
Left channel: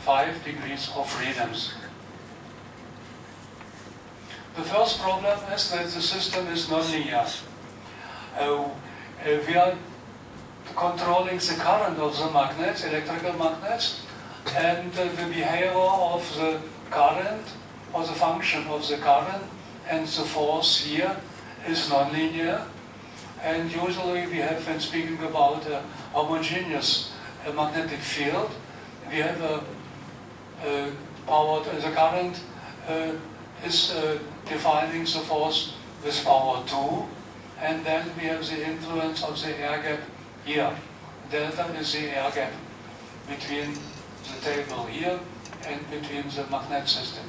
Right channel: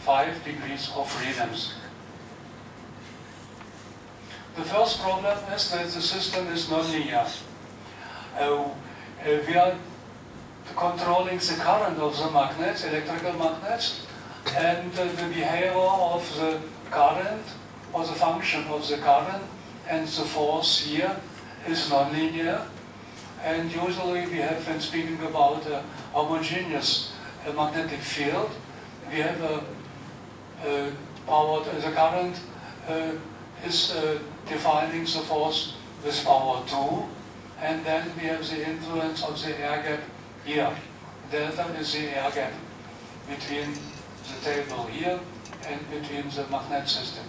5 degrees of freedoms. The first problem is that the system is non-linear. We are controlling the current of the magnets, electrical magnets, and the behavior of the current, or the function of the current, and the force here is non-linear. And usually we have, when speaking about a homogeneous magnetic field, we have the current is defining the force with power 2, and then we have the influence of the air gap here. Delta is the air gap between the table here and between the magnet system.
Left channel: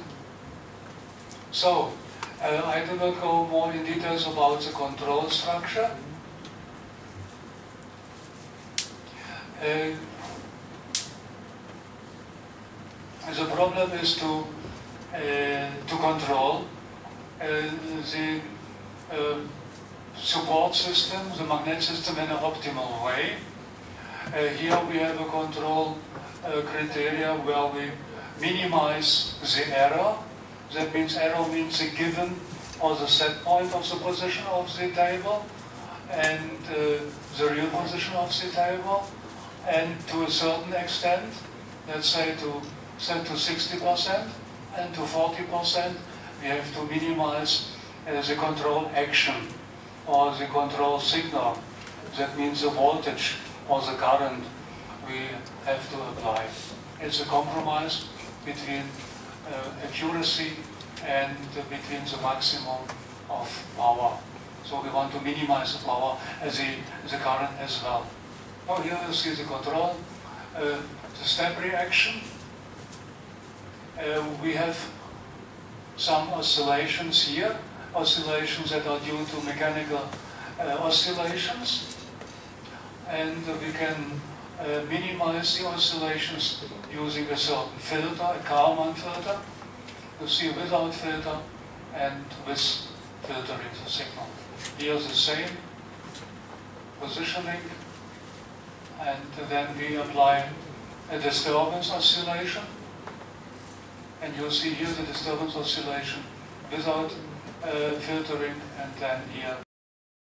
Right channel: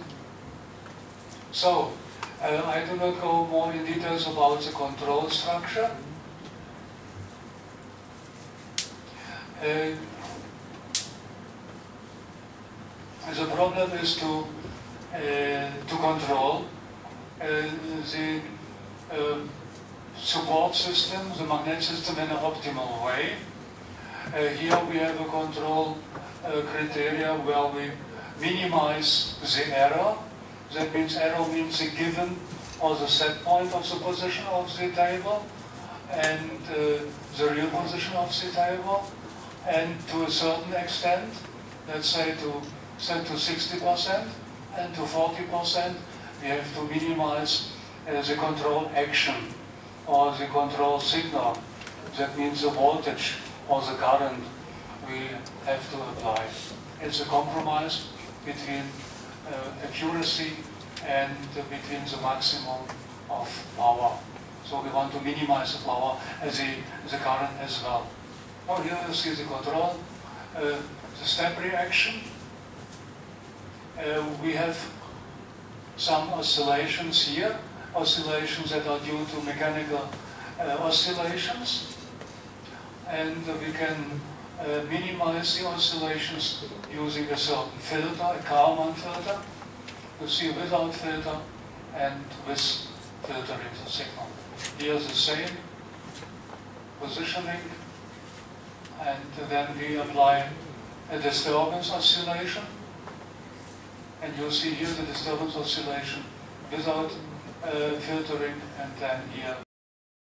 So, I do not go more in details about the control structure. The problem is to control the support system, the magnet system, in an optimal way. Here we have a control criteria where we minimize the error. That means error means the given or the set point of the position of the table and the real position of the table. And to a certain extent, let's say set to 60% and to 40%, we have to minimize the control action or the control signal. That means the voltage or the current we have to apply. It's a compromise between accuracy and between the maximum of power. So we want to minimize the power as the current as well. Oh, here you see the control, the step reaction. We have some oscillations here, oscillations that are due to mechanical oscillations, and we can minimize the oscillations using a certain filter, a Kalman filter. You see without filter and with filtering the signal. Here the same positioning, and then we apply a disturbance oscillation. And you'll see here the disturbance oscillation without filtering, and then here